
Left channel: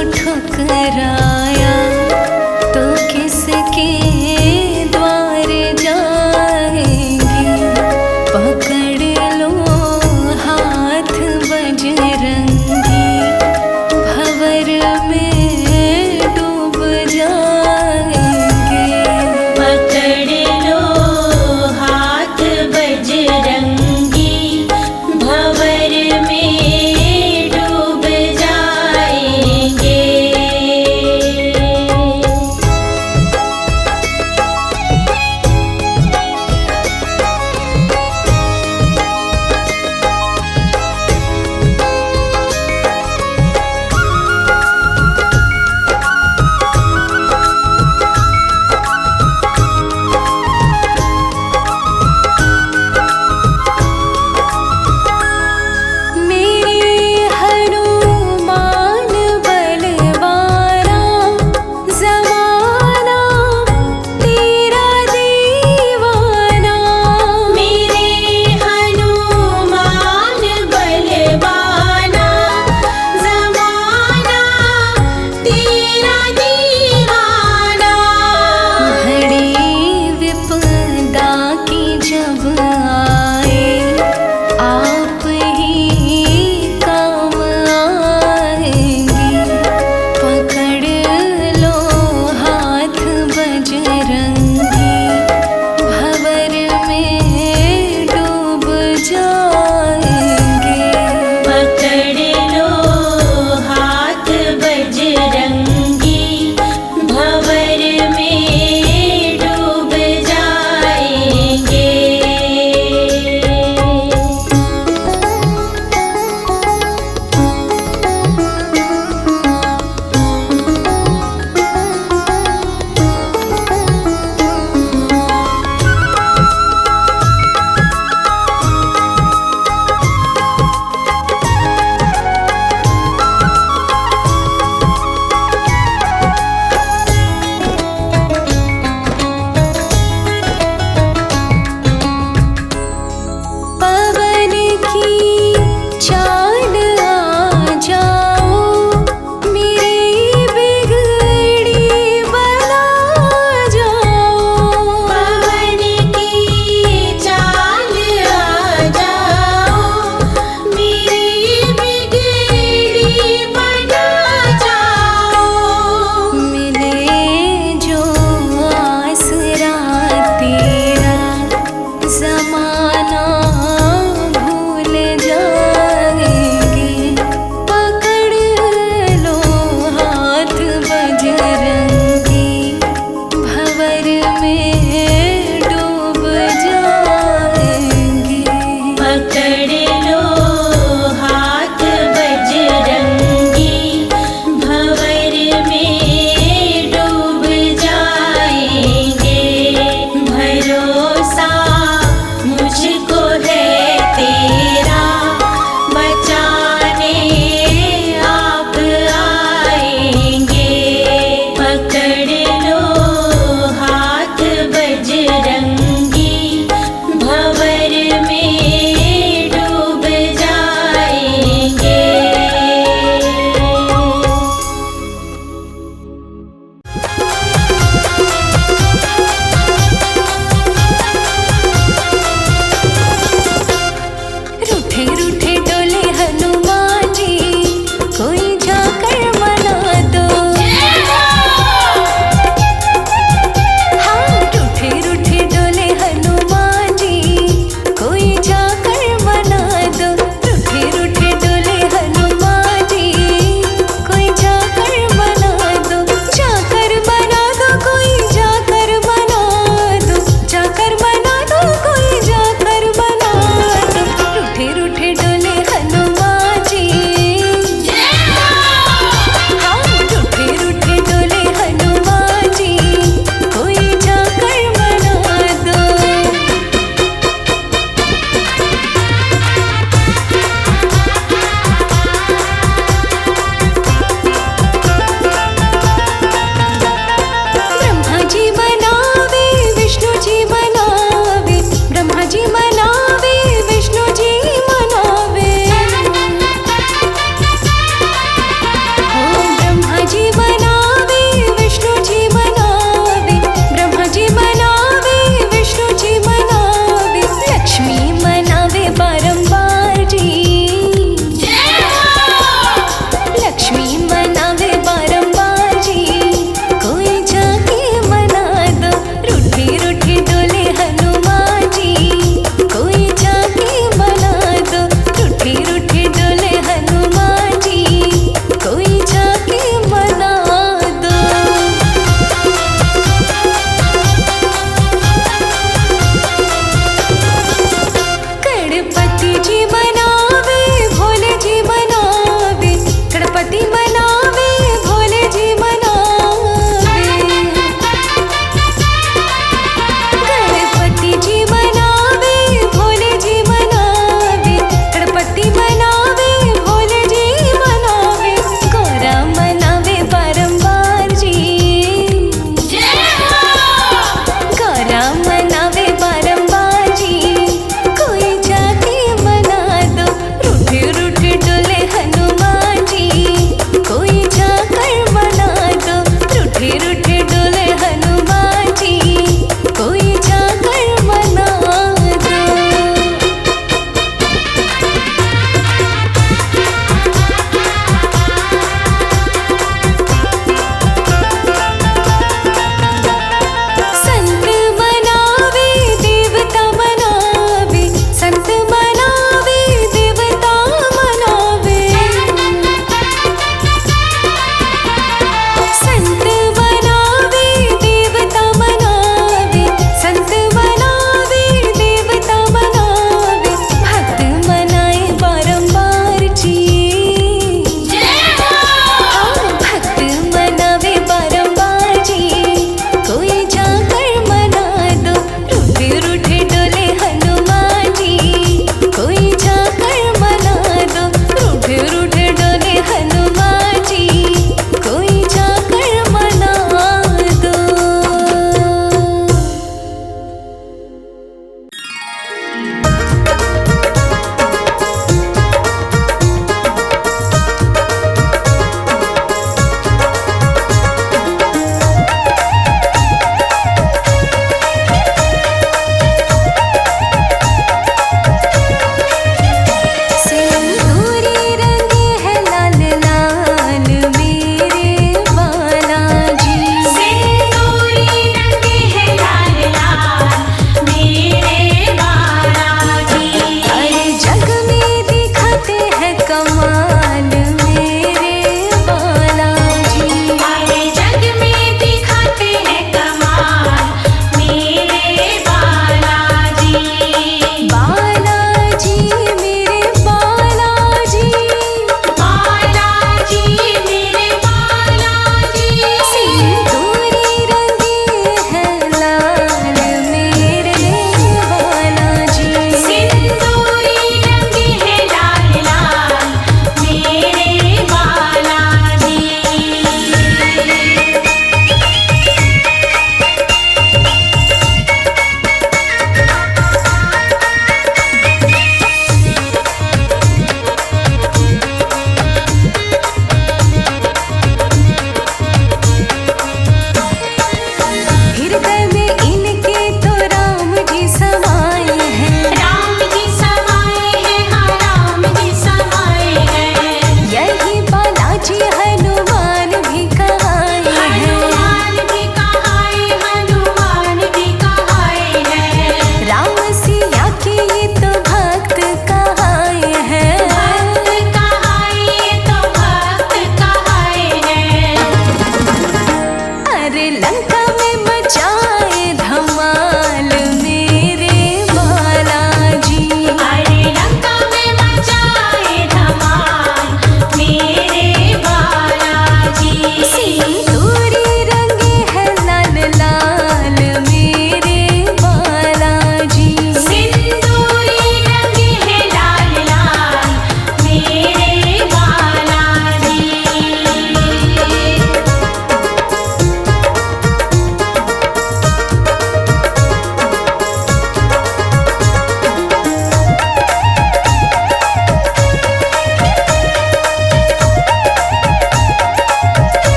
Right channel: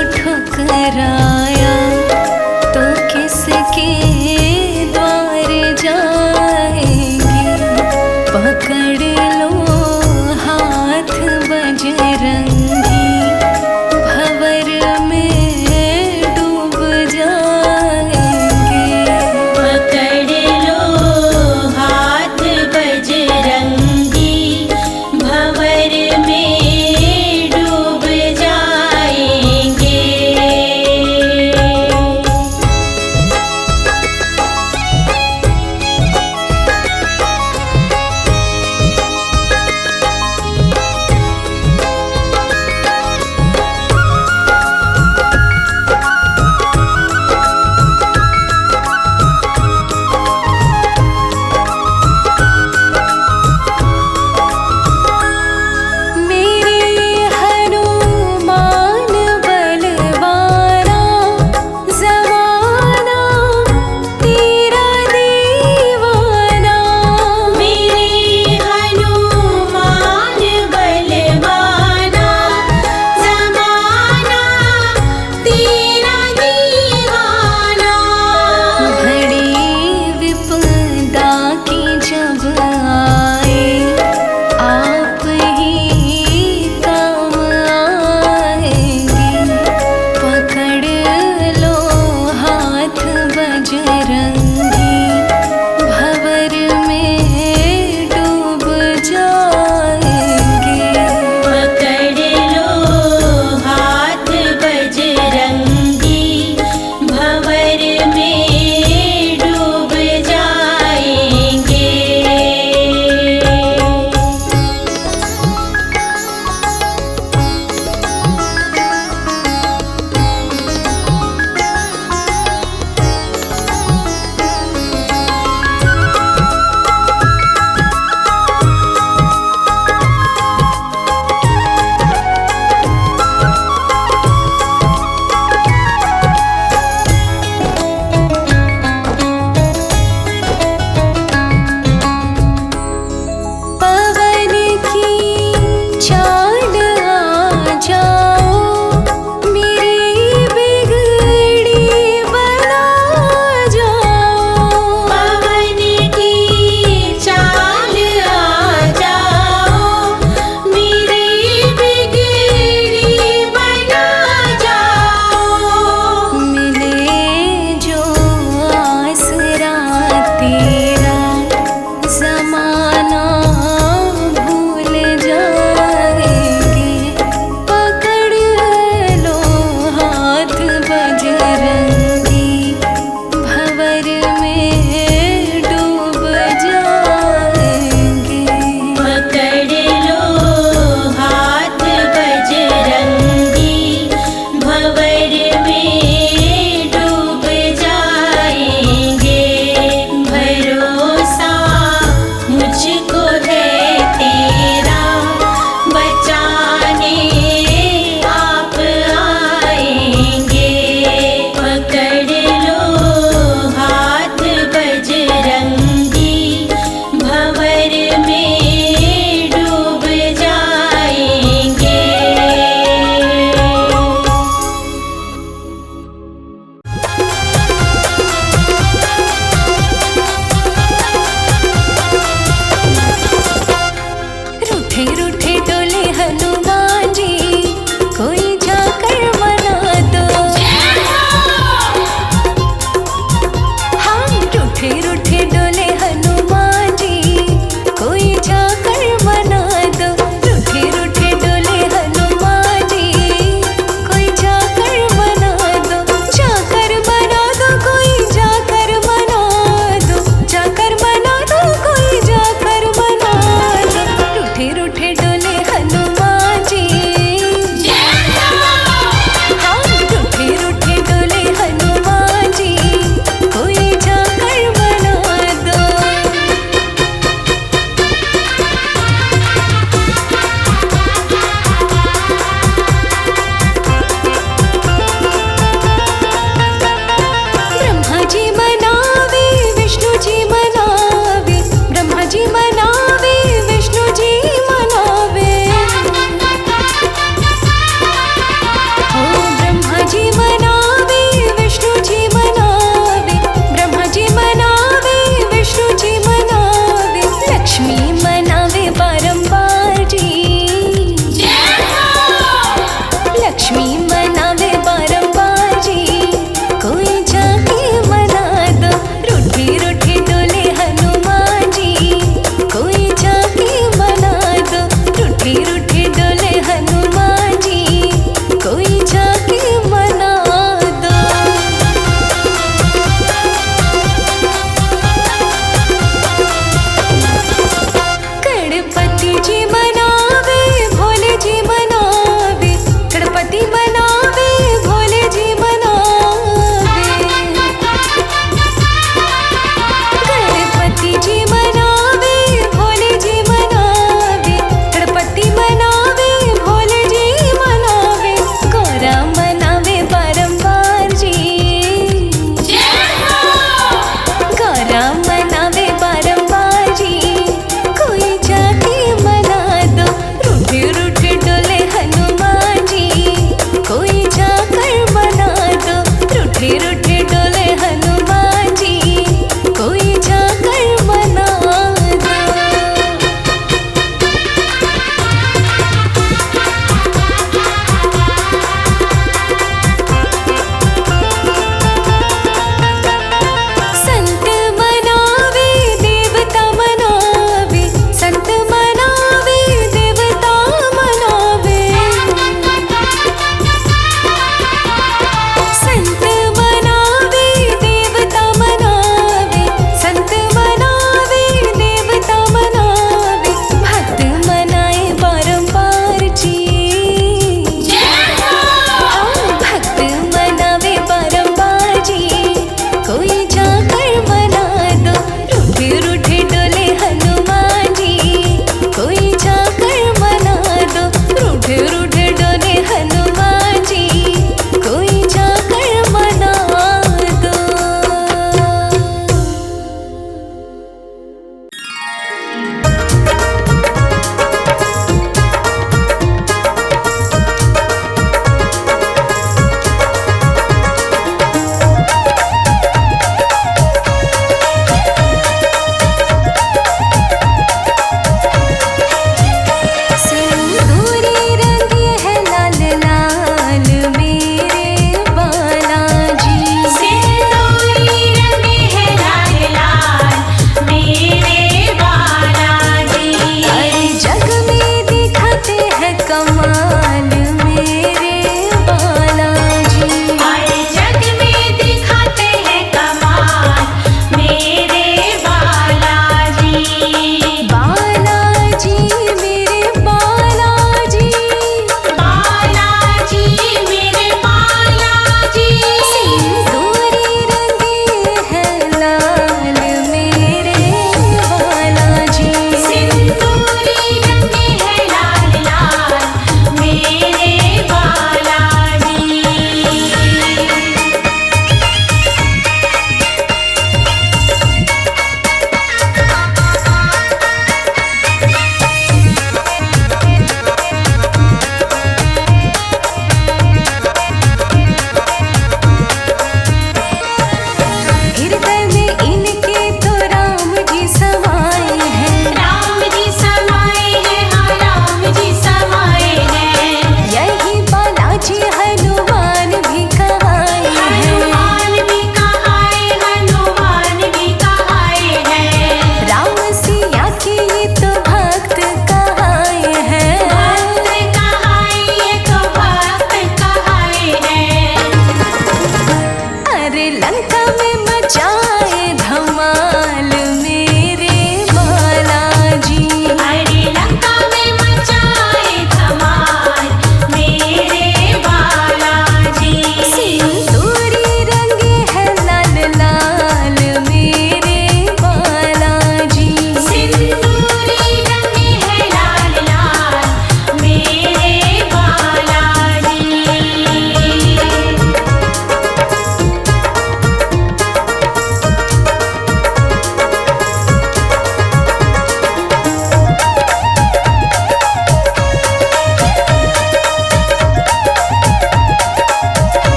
पकड़ लो हाथ बजरंगी, भंवर में डूब जाएंगे। पकड़ लो हाथ बजरंगी, भंवर में डूब जाएंगे। जब आए आप ही काम आएंगे। पकड़ लो हाथ बजरंगी, भंवर में डूब जाएंगे। पकड़ लो हाथ बजरंगी, भंवर में डूब जाएंगे। पवन की चाल आ जाओ, मेरी बिगड़ी बना जाओ। पवन की चाल आ जाओ, मेरी बिगड़ी बना जाओ। मिले जो आसरा तेरा, जमाना भूल जाएंगे। पकड़ लो हाथ बजरंगी, भंवर में डूब जाएंगे। पकड़ लो हाथ बजरंगी, भंवर में डूब जाएंगे। भरोसा मुझको है तेरा, बचाने आप आएंगे। पकड़ लो हाथ बजरंगी, भंवर में डूब जाएंगे। रूठे रूठे डोले हनुमान जी, कोई जाकर मना दो। हाँ, रूठे रूठे डोले हनुमान जी, कोई जाकर मना दो। रूठे रूठे डोले हनुमान जी, कोई जाकर मना दो। जाकर मना दो, कोई जाकर मना दो। जाकर मना दो, कोई जाकर मना दो। रूठे रूठे डोले हनुमान गणपति जी मनावे, भोले जी मनावे, गणपति मनावे, भोले जी मनावे। गणपति जी मनावे, भोले जी मनावे, गणपति मनावे, भोले जी मनावे, गौरा मनावे बारंबार जी, गौरा मनावे बारंबार जी। कोई जाके मना दो, रूठे रूठे डोले हनुमान जी, कोई जाकर मना दो, रूठे रूठे डोले हनुमान जी, कोई जाकर मना दो। संत मनावे, देवता मनावे, संत मनावे, देवता मनावे। संत मनावे, देवता मनावे, संत मनावे, देवता मनावे, भक्त मनाए बारंबार जी। हाँ, भक्त मनावे बारंबार जी, कोई जाकर मना दो, रूठे रूठे डोले हनुमान जी, कोई जाकर मना दो, रूठे रूठे डोले हनुमान जी, कोई जाकर मना दो। सिंदूरी रंगे है लाल लाल मेरे बालाजी, सिंदूरी रंगे है लाल लाल मेरे बालाजी। अरे जग में दिखाते हैं कमाल मेरे बालाजी। हमारे जग में दिखाते हैं कमाल मेरे बालाजी। बालाजी मेरे बालाजी, बालाजी मेरे बालाजी। सिंदूरी रंगे हैं लाल मेरे बालाजी। सिंदूरी रंगे है लाल लाल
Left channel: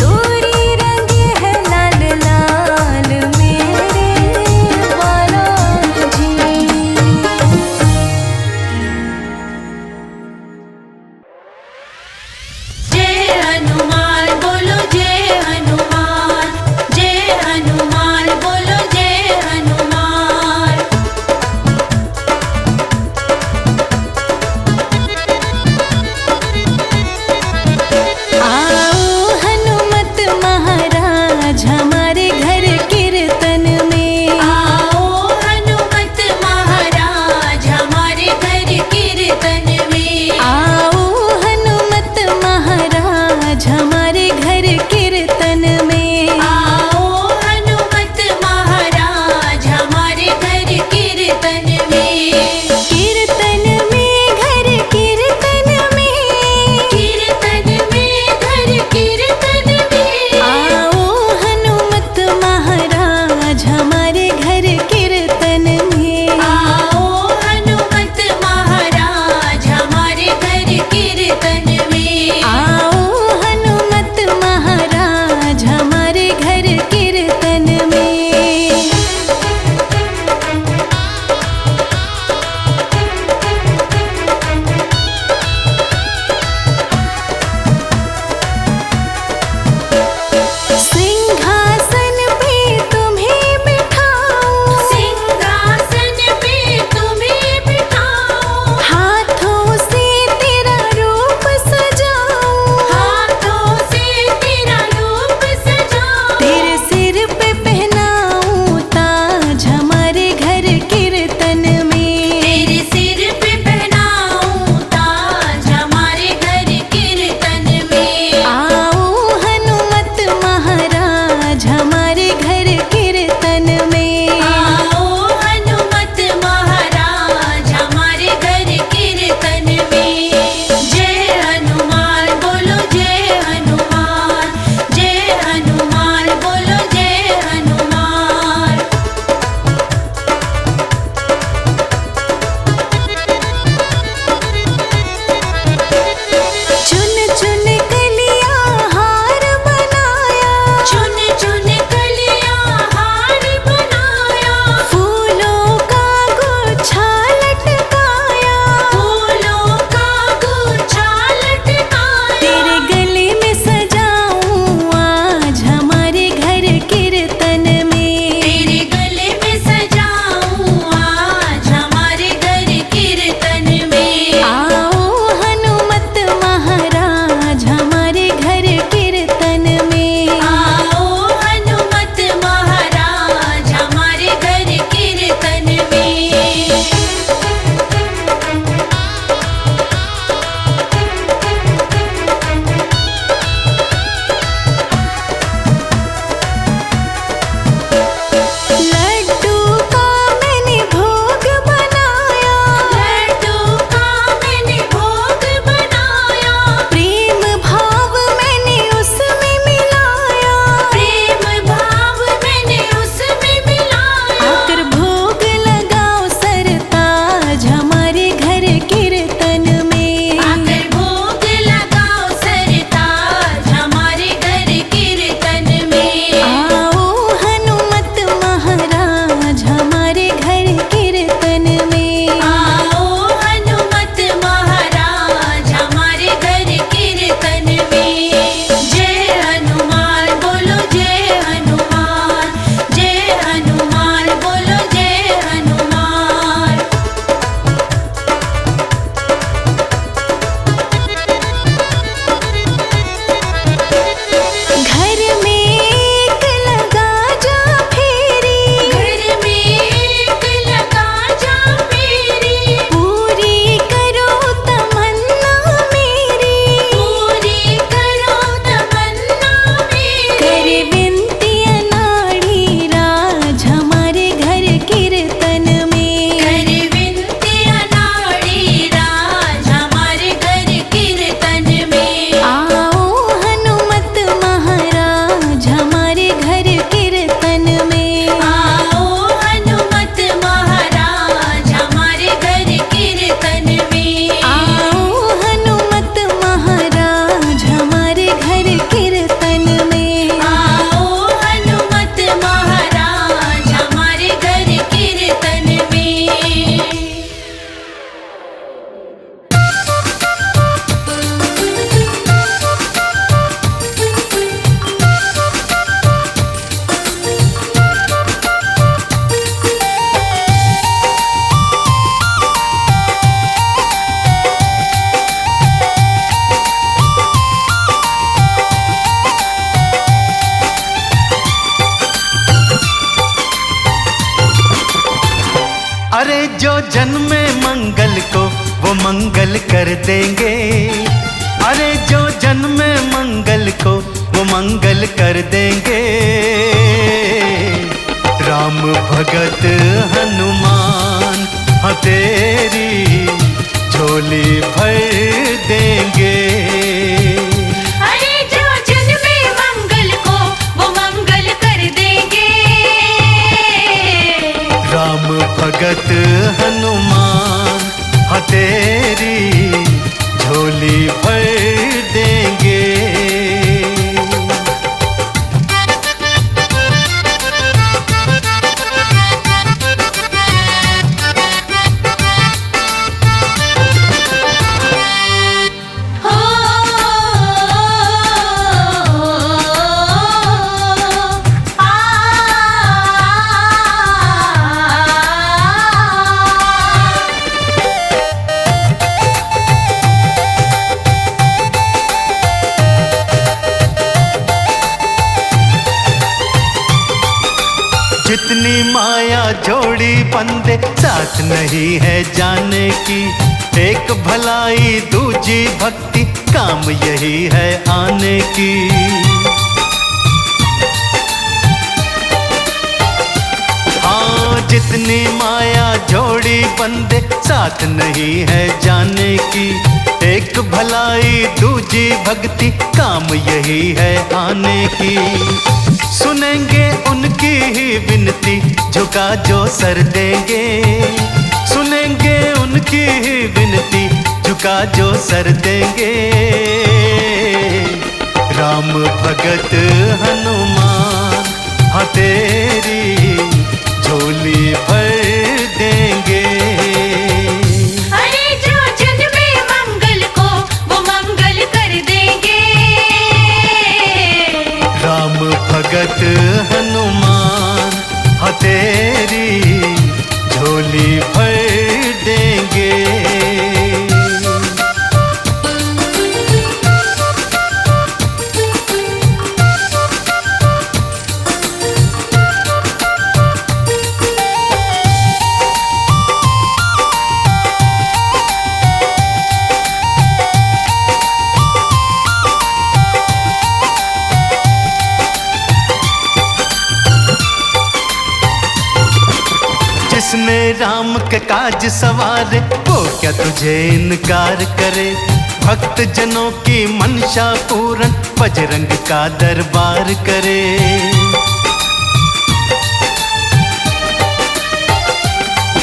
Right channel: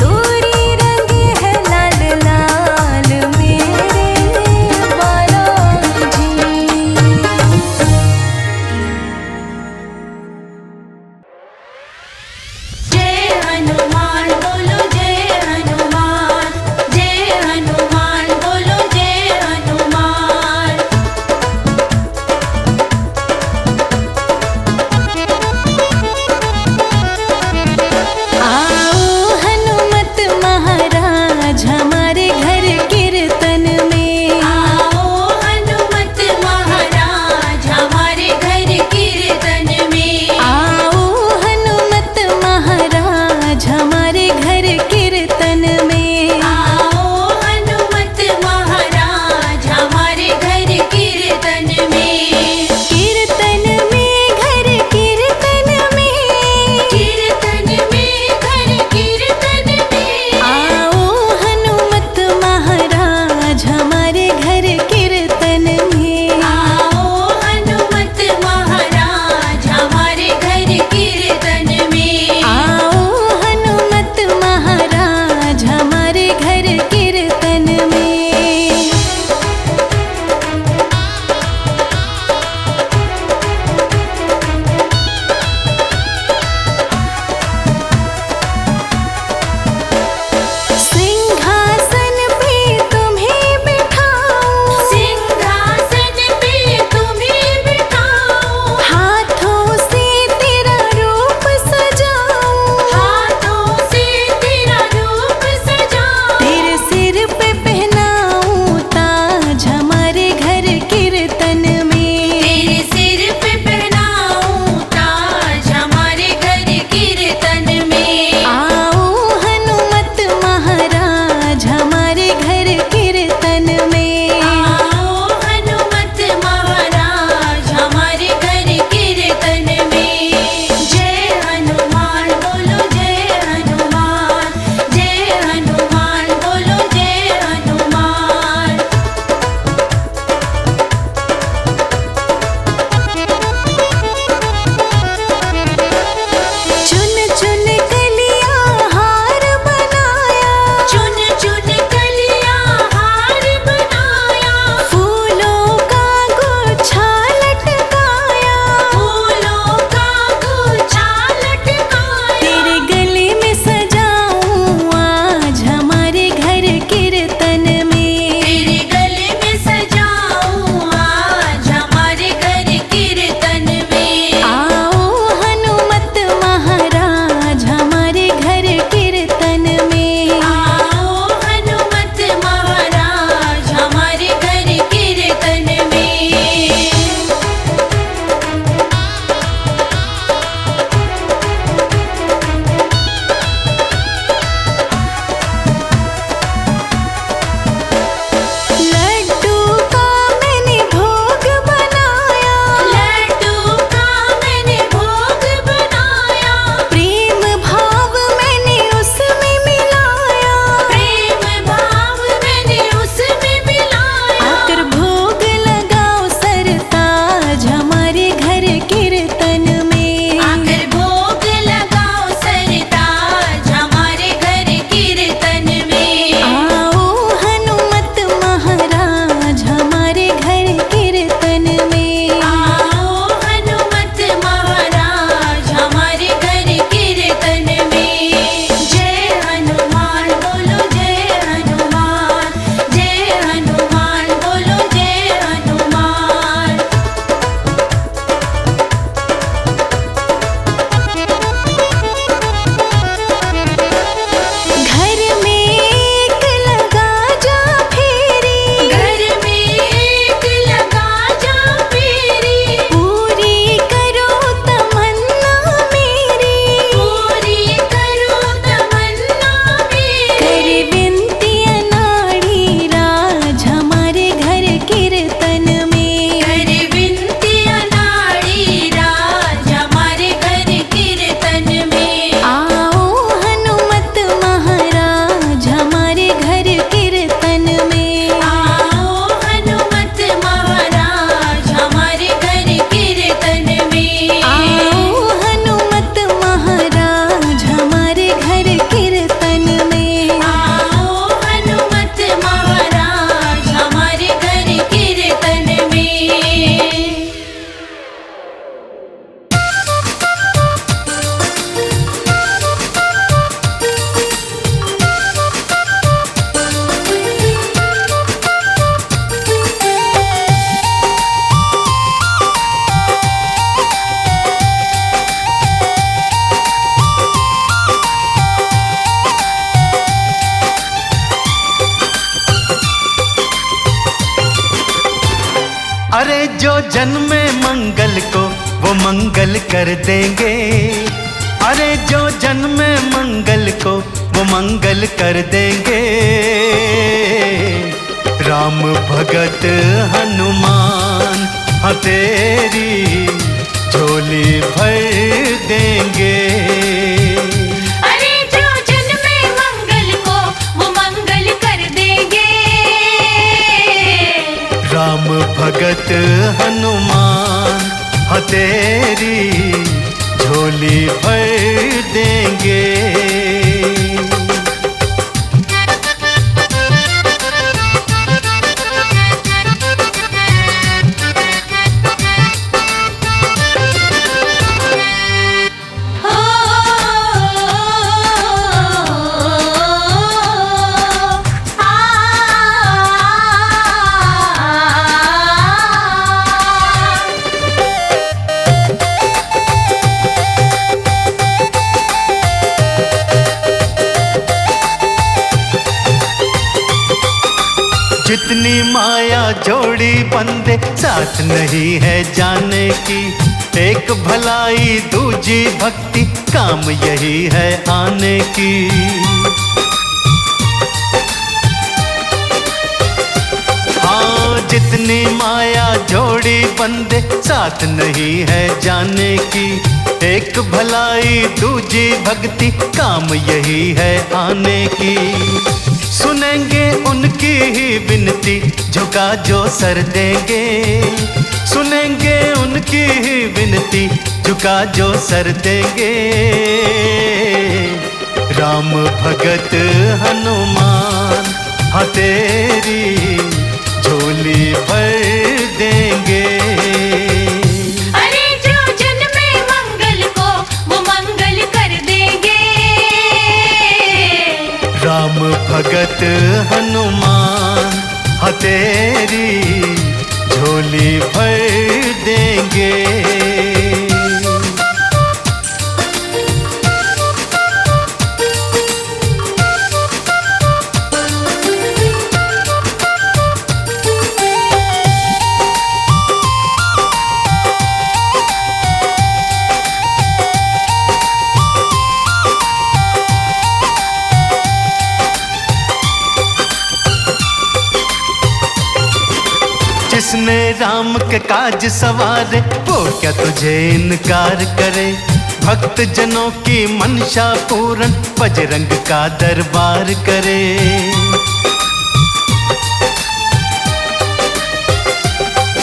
दूरी रंगे है लाल लाल मेरे बालाजी। जय हनुमान बोलो जय हनुमान, जय हनुमान बोलो जय हनुमान। आओ हनुमत महाराज हमारे घर कीर्तन में। आओ हनुमत महाराज हमारे घर कीर्तन में। आओ हनुमत महाराज हमारे घर कीर्तन में। आओ हनुमत महाराज हमारे घर कीर्तन में। कीर्तन में घर कीर्तन में। कीर्तन में घर कीर्तन में। आओ हनुमत महाराज हमारे घर कीर्तन में। आओ हनुमत महाराज हमारे घर कीर्तन में। आओ हनुमत महाराज हमारे घर अरे जो जन्मे मंगल को वो मंगल कर देंगे, अरे जो जन्मे मंगल को वो मंगल कर देंगे। राम भगत हनुमान हाँ तेरी झोली भर देंगे। अरे जो जन्मे मंगल को वो मंगल कर देंगे। राम भगत हनुमान हाँ तेरी झोली भर देंगे। जितनी माया जोड़ी बंदे साथ नहीं है जाने की, एक भलाई दूजी भक्ति काम यही है आने की। हाँ जितनी माया जोड़ी बंदे साथ नहीं है जाने की, एक भलाई दूजी भक्ति काम यही है आने की। सुनेंगे उनकी ही विनती झुका जो सर देंगे, सुनेंगे उनकी ही विनती झुका जो सर देंगे। राम भगत हनुमान हाँ तेरी झोली भर देंगे। अरे जो जन्मे मंगल को वो मंगल कर देंगे। राम भगत हनुमान हाँ तेरी झोली भर देंगे। जिसने राम के काज सवारे वो क्या तुझे इनकार करे। भक्त जनों की मनसा पूर्ण बजरंग का दरबार करे।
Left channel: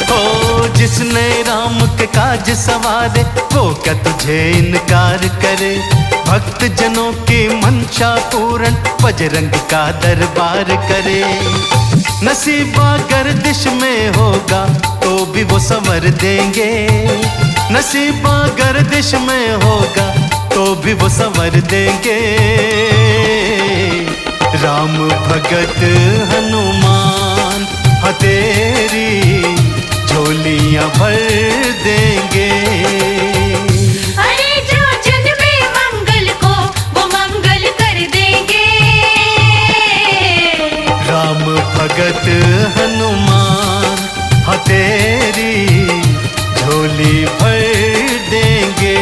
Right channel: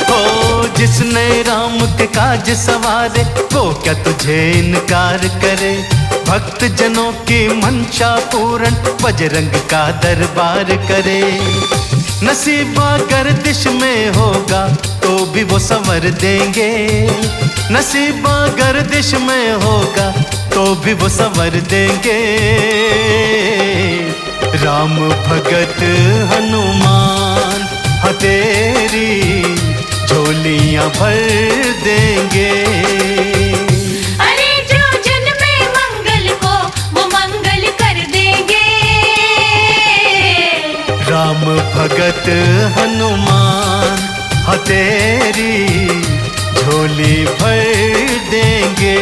हो जिसने राम के काज सवारे वो क्या तुझे इनकार करे। भक्त जनों की मनसा पूर्ण बजरंग का दरबार करे। नसीबा गर्दिश में होगा तो भी वो संवर देंगे, नसीबा गर्दिश में होगा तो भी वो संवर देंगे। राम भगत हनुमान हाँ तेरी झोलियां भर देंगे। अरे जो जन्मे मंगल को वो मंगल कर देंगे। राम भगत हनुमान हाँ तेरी झोली भर देंगे।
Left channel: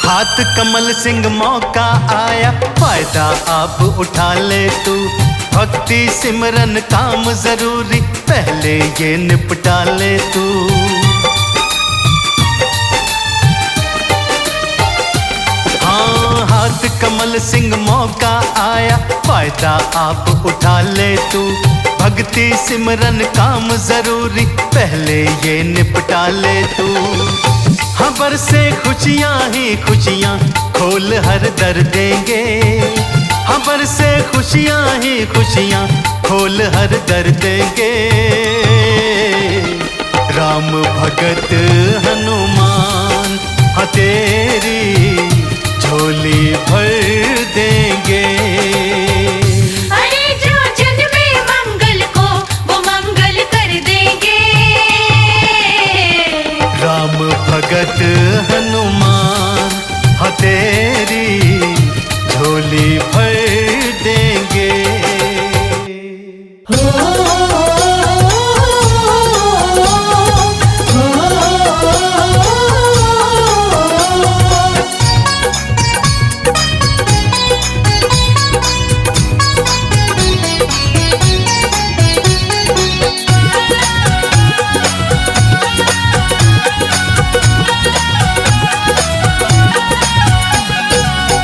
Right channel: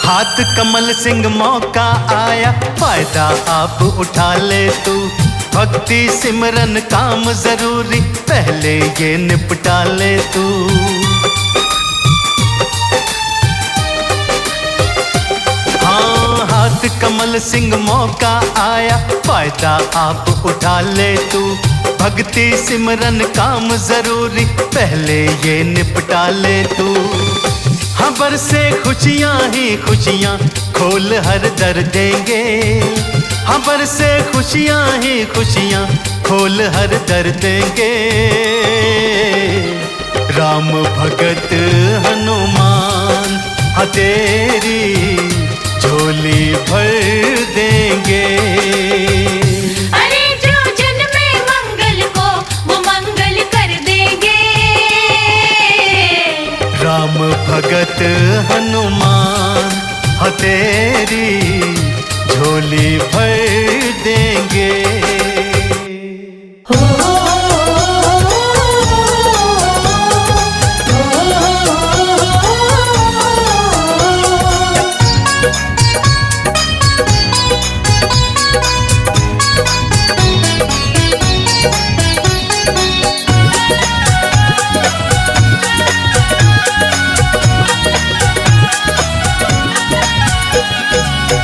हाथ कमल सिंह मौका आया फायदा आप उठा ले तू। भक्ति सिमरन काम जरूरी पहले ये निपटा ले तू। हाँ हाथ कमल सिंह मौका आया फायदा आप उठा ले तू। भक्ति सिमरन काम जरूरी पहले ये निपटा ले तू। हाँ बरसे खुशियाँ ही खुशियाँ खोल हर दर देंगे। हबर से खुशियां ही खुशियां खोल हर दर देंगे। राम भगत हनुमान हाँ तेरी झोली भर देंगे। अरे जो जन्मे मंगल को वो मंगल कर देंगे। राम भगत हनुमान हाँ तेरी झोली भर देंगे।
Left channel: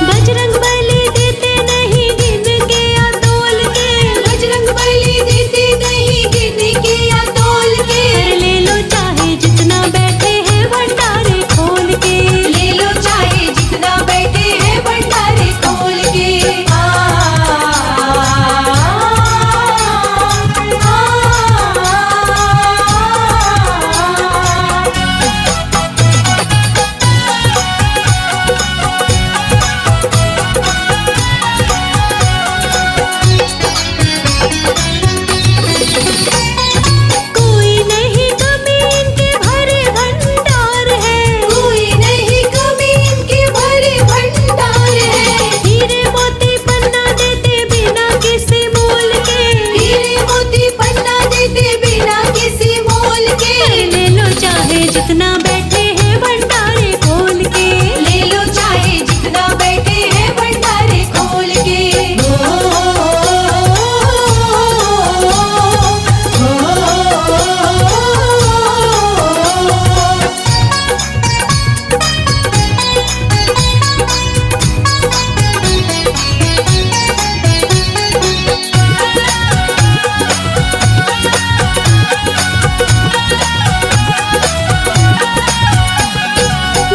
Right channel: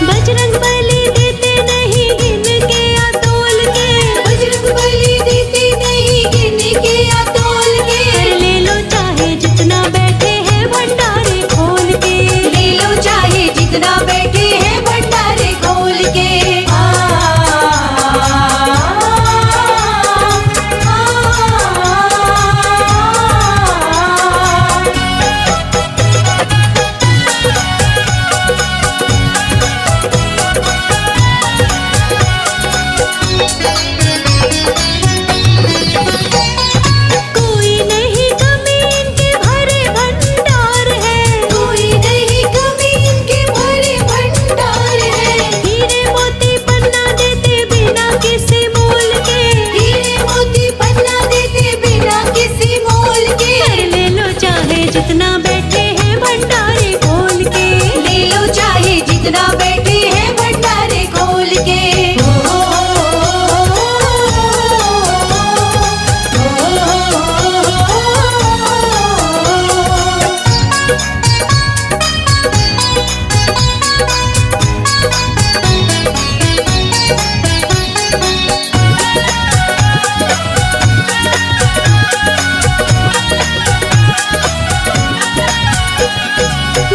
बजरंग बली देते नहीं गिन के या तोल के। बजरंग बली देते नहीं गिन के या तोल के। कर ले लो चाहे जितना बैठे हैं भंडारे खोल के। ले लो चाहे जितना बैठे हैं भंडारे खोल के। कोई नहीं कमी इनके भरे भंडार है। कोई नहीं कमी इनके भरे भंडार है। हीरे मोती पन्ना देते बिना किसी मोल के। हीरे मोती पन्ना देते बिना किसी मोल के। कर ले लो चाहे जितना बैठे हैं भंडारे खोल के। ले लो चाहे जितना बैठे हैं भंडारे खोल के।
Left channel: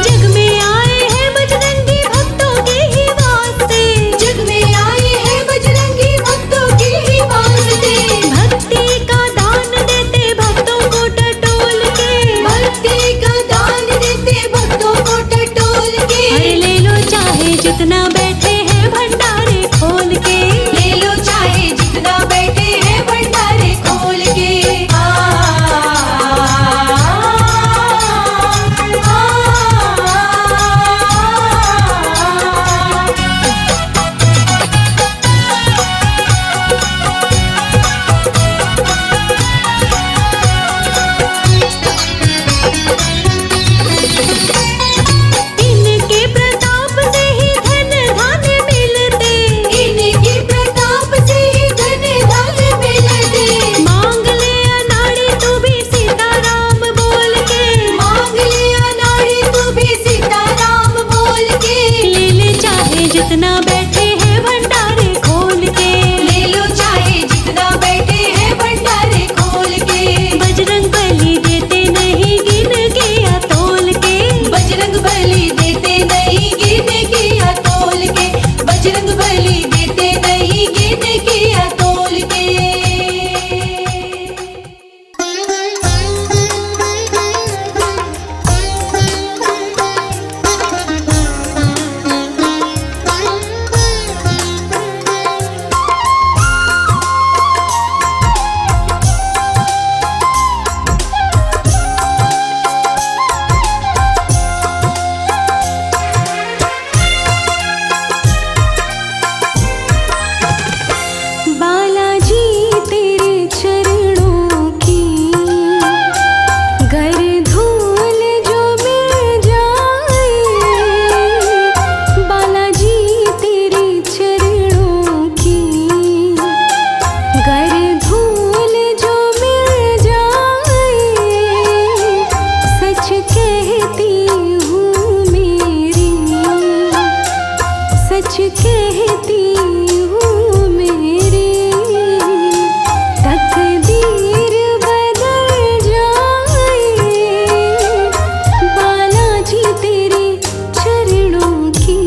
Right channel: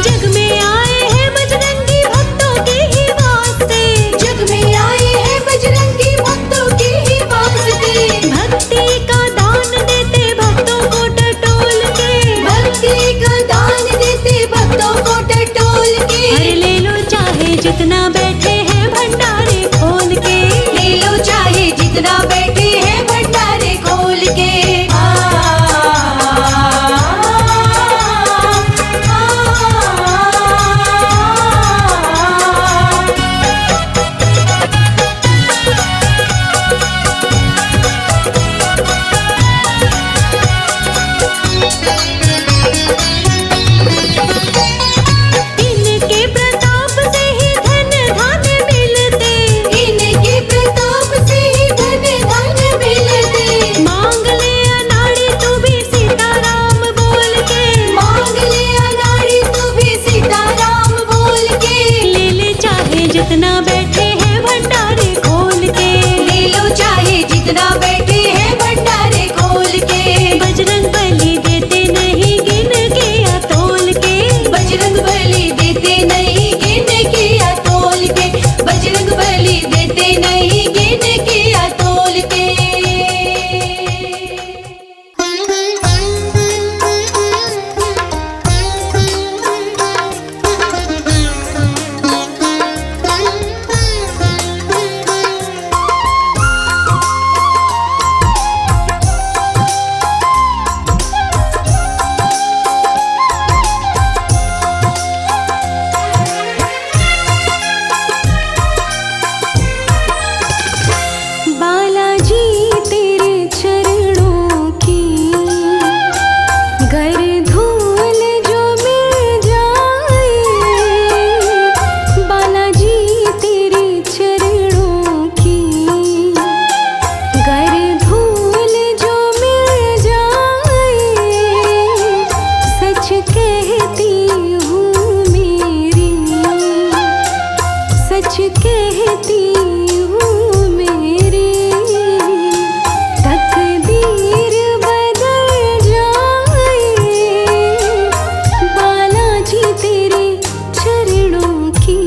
जग में आए हैं बजरंगी भक्तों के ही वास्ते। जग में आए हैं बजरंगी भक्तों के ही वास्ते। भक्ति का दान देते भक्तों को टटोल के। भक्ति का दान देते भक्तों को टटोल के। हर ले लो चाहे जितना बैठे हैं भंडारे खोल के। ले लो चाहे जितना बैठे हैं भंडारे खोल के। इनके प्रताप से ही धन धान्य मिलते। इनके प्रताप से ही धन धान्य मिलते। मांग ले अनाड़ी तू भी सीताराम बोल के। मांग ले अनाड़ी तू भी सीताराम बोल के। ले ले चाहे जितना बैठे हैं भंडारे खोल के। ले लो चाहे जितना बैठे हैं भंडारे खोल के। बजरंग बली देते नहीं गिन के या तोल के। बजरंग बली देते नहीं गिन के या तोल के। बजरंग बली देते नहीं गिन के या तोल के। बालाजी तेरे चरणों की गर धूल जो मिल जाए। बालाजी तेरे चरणों की गर धूल जो मिल जाए। सच कहती हूँ मेरी सच कहती हूँ मेरी तकदीर बदल जाए। बालाजी तेरे चरणों की।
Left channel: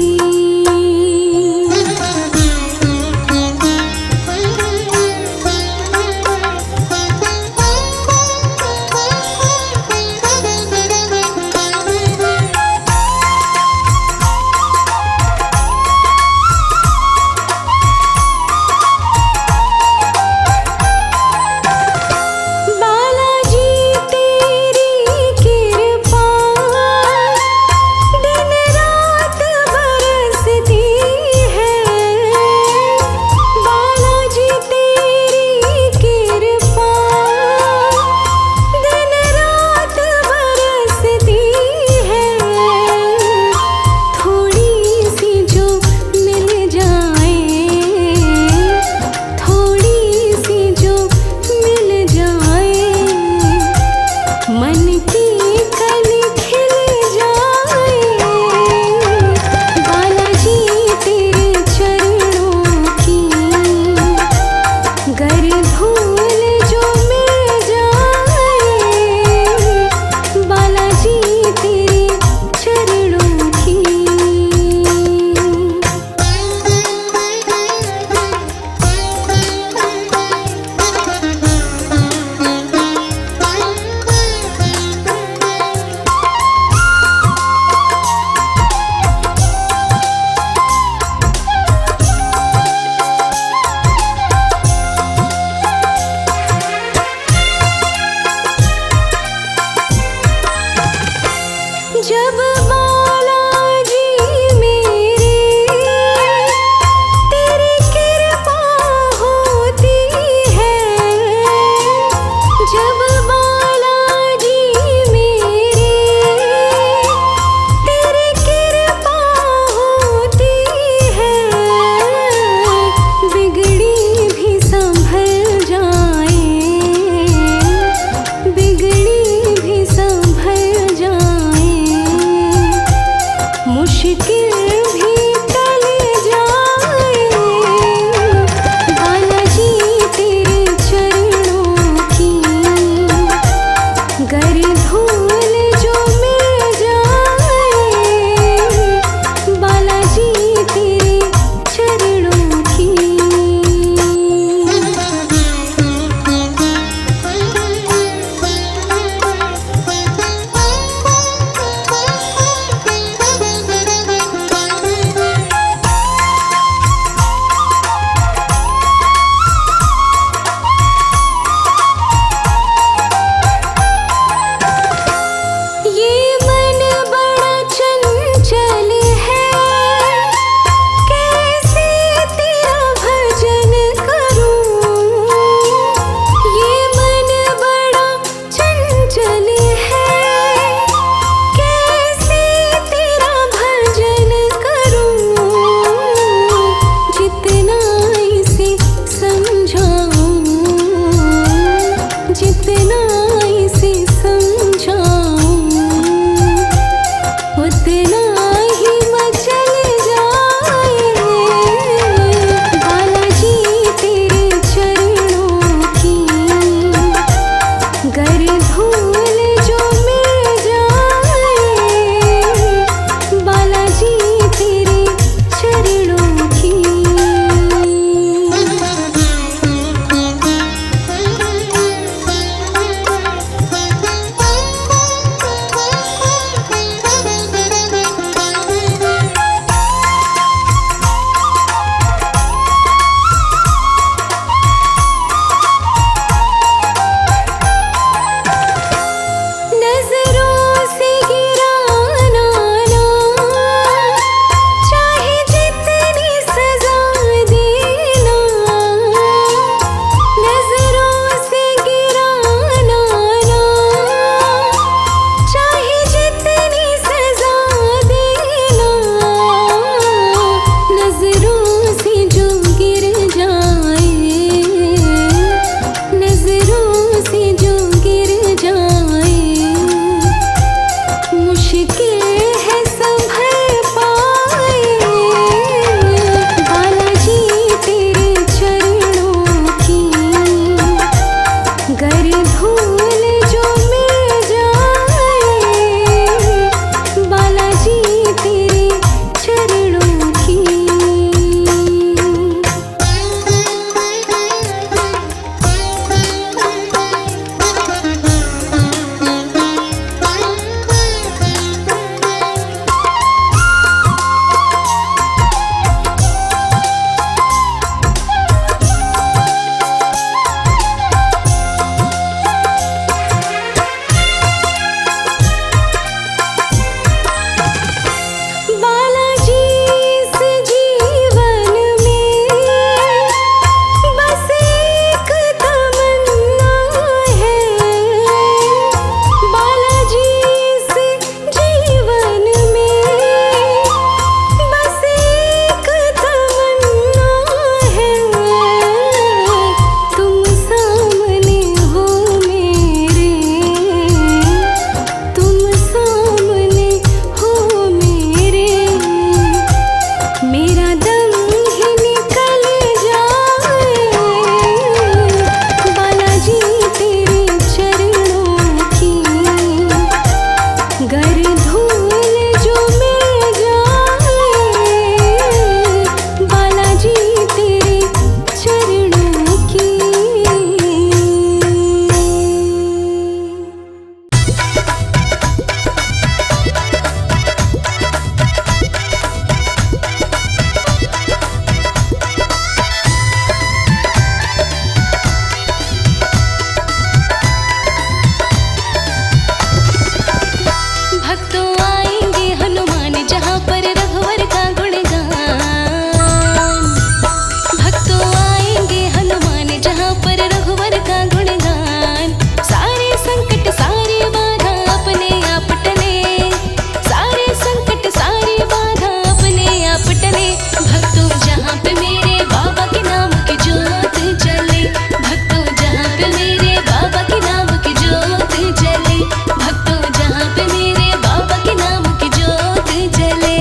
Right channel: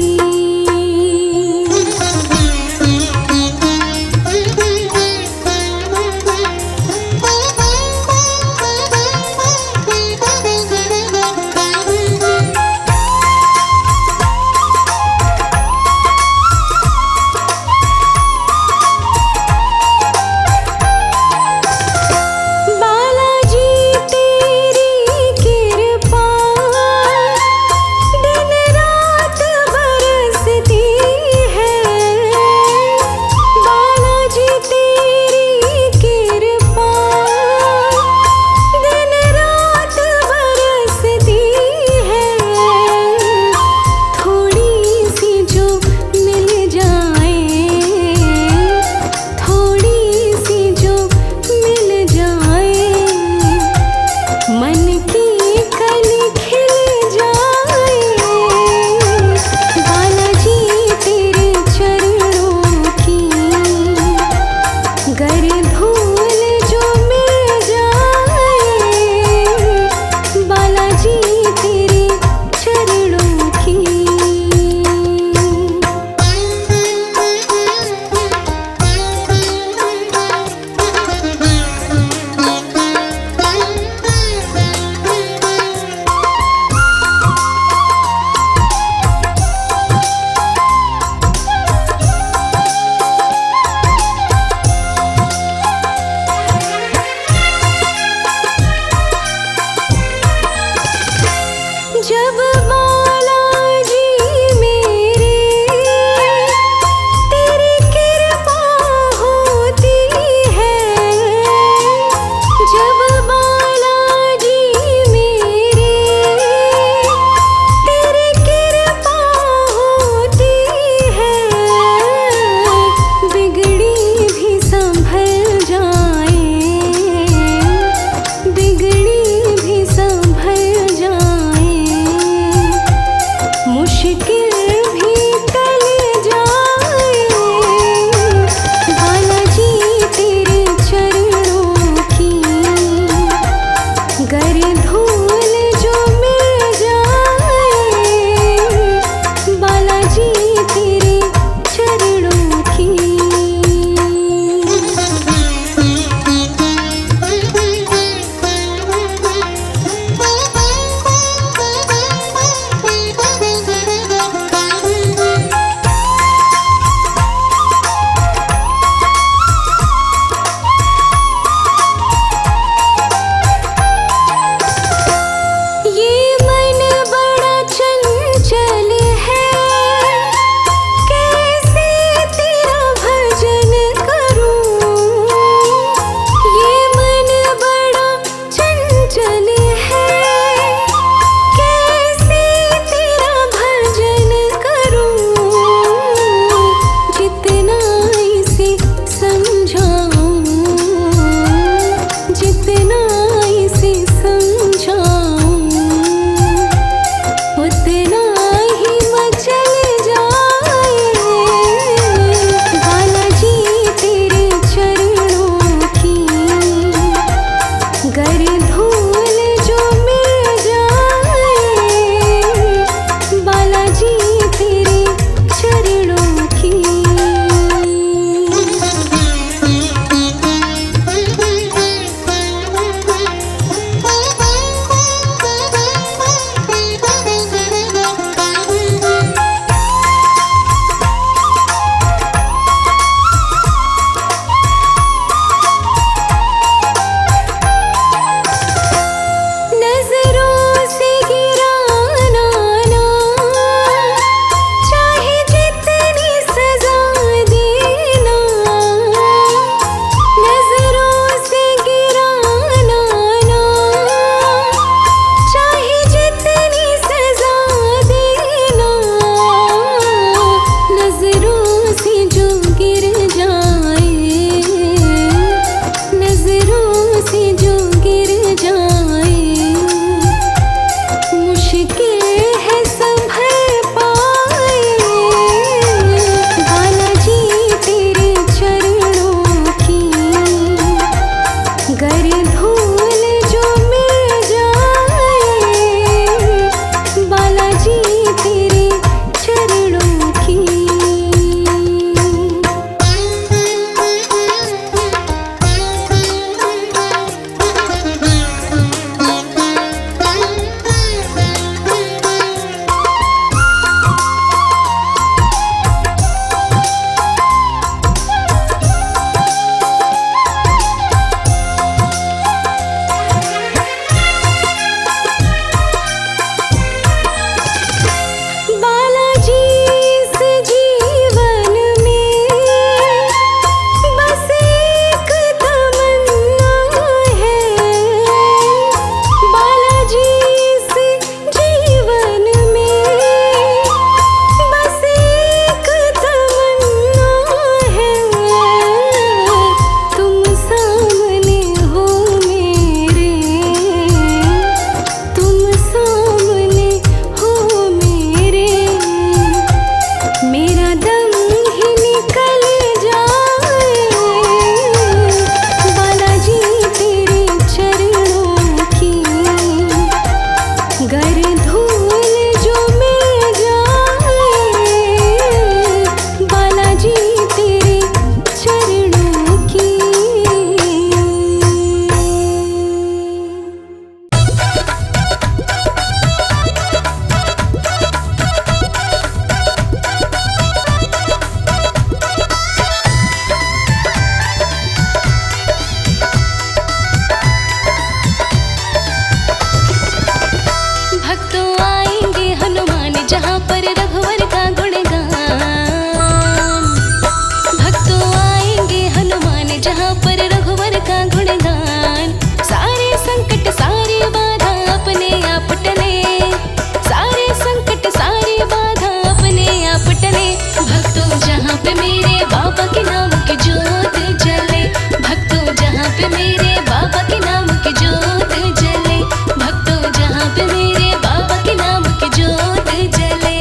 भक्तों जहाँ पे मेरे बाबा के नाम की जोत जले, भक्तों जहाँ पे मेरे बाबा के नाम की जोत जले, भक्तों जहाँ पे मेरे बाबा के नाम की जोत जले।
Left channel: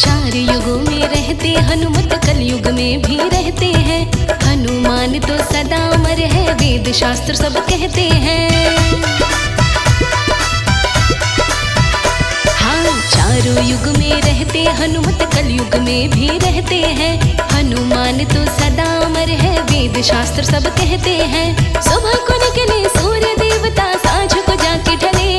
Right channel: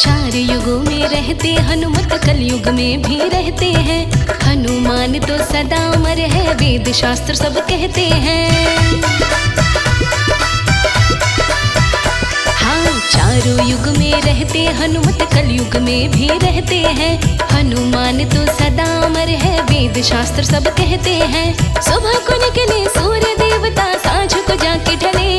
चार युगों में रहते हनुमत, कलयुग में भी रहते हैं। हनुमान तो सदा अमर है, वेद शास्त्र सब कहते हैं। हाँ, चारों युग में रहते हनुमत, कलयुग में भी रहते हैं। हनुमान तो सदा अमर है, वेद शास्त्र सब कहते हैं। सुबह को निकले सूर्य देवता, सांझ को जाके ढले,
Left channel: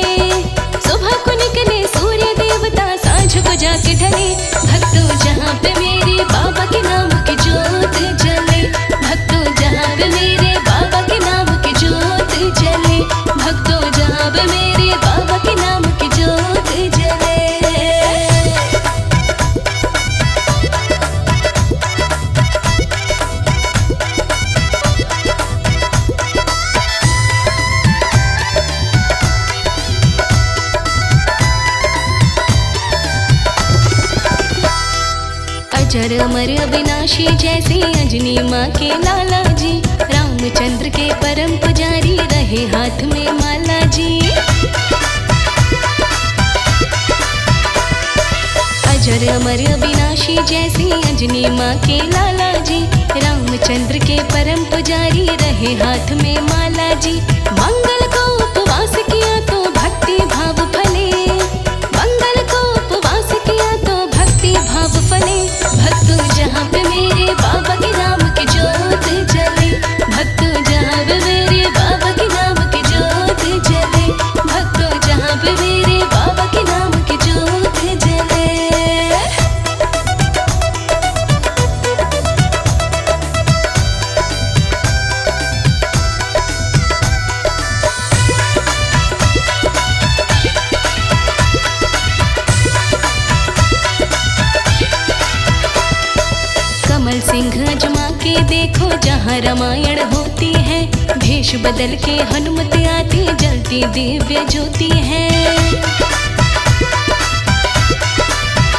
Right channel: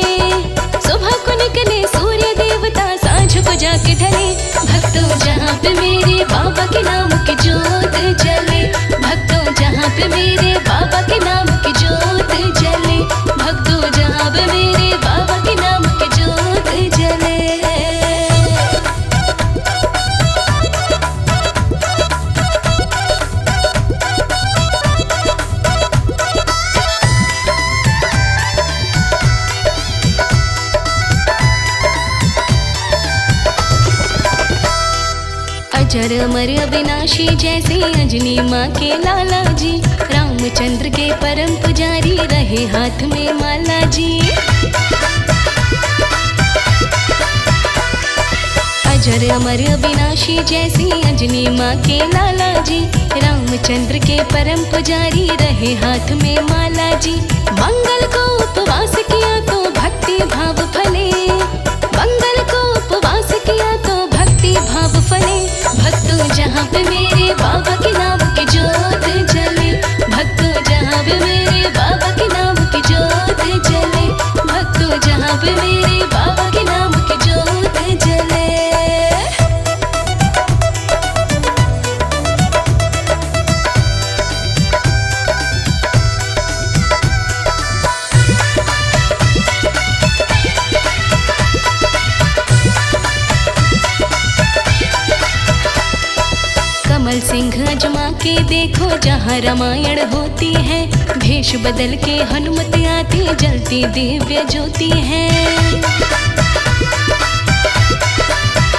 सुबह को निकले सूर्य देवता, सांझ को जाके ढले। भक्तों जहाँ पे मेरे बाबा के नाम की जोत जले, भक्तों जहाँ पे मेरे बाबा के नाम की जोत जले, भक्तों जहाँ पे मेरे बाबा के नाम की जोत जले। अजर अमर अविनाशी जैसे अंजनी माँ के लाला जी, रामचंद्र के परम पुजारी रहे हाथ में माला जी। अजर अमर अविनाशी जैसे अंजनी माँ के लाला जी, रामचंद्र के परम पुजारी रहे हाथ में माला जी। मंगल को उपवास किया तो भक्ति भाव फले, मंगल को उपवास किया तो भक्ति भाव फले। भक्तों जहाँ पे मेरे बाबा के नाम की जोत जले, भक्तों जहाँ पे मेरे बाबा के नाम की जोत जले, भक्तों जहाँ पे मेरे बाबा के नाम की जोत जले। कमल सिंह अजमा के देखो जहाँ रामायण होती है, भेष बदल के हनुमत आती जलती दिव्य ज्योति है।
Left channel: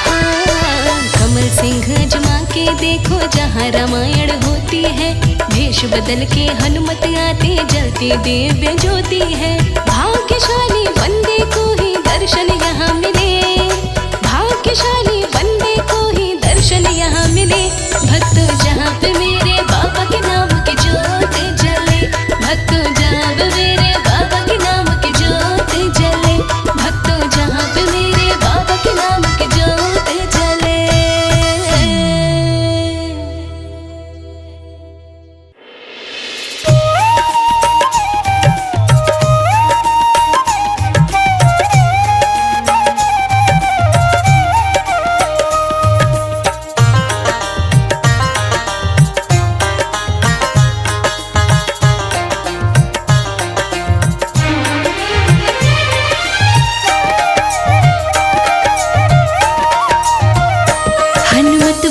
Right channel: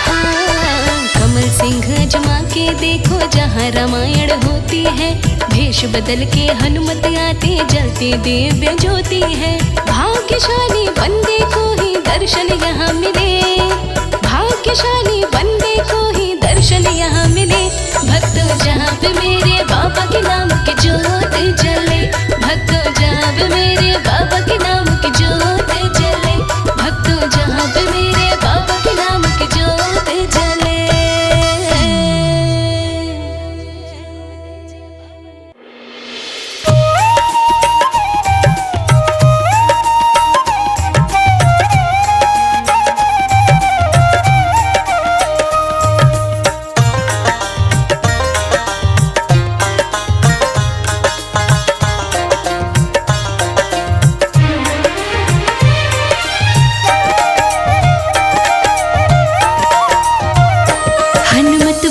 हाँ, कमल सिंह अजमा के देखो जहाँ रामायण होती है, भेष बदल के हनुमत आती जलती दिव्य ज्योति है। भाग्यशाली बंदे को ही दर्शन यहाँ मिले, भाग्यशाली बंदे को ही दर्शन यहाँ मिले। भक्तों जहाँ पे मेरे बाबा के नाम की जोत जले, भक्तों जहाँ पे मेरे बाबा के नाम की जोत जले, भक्तों जहाँ पे मेरे बाबा के नाम की जोत जले।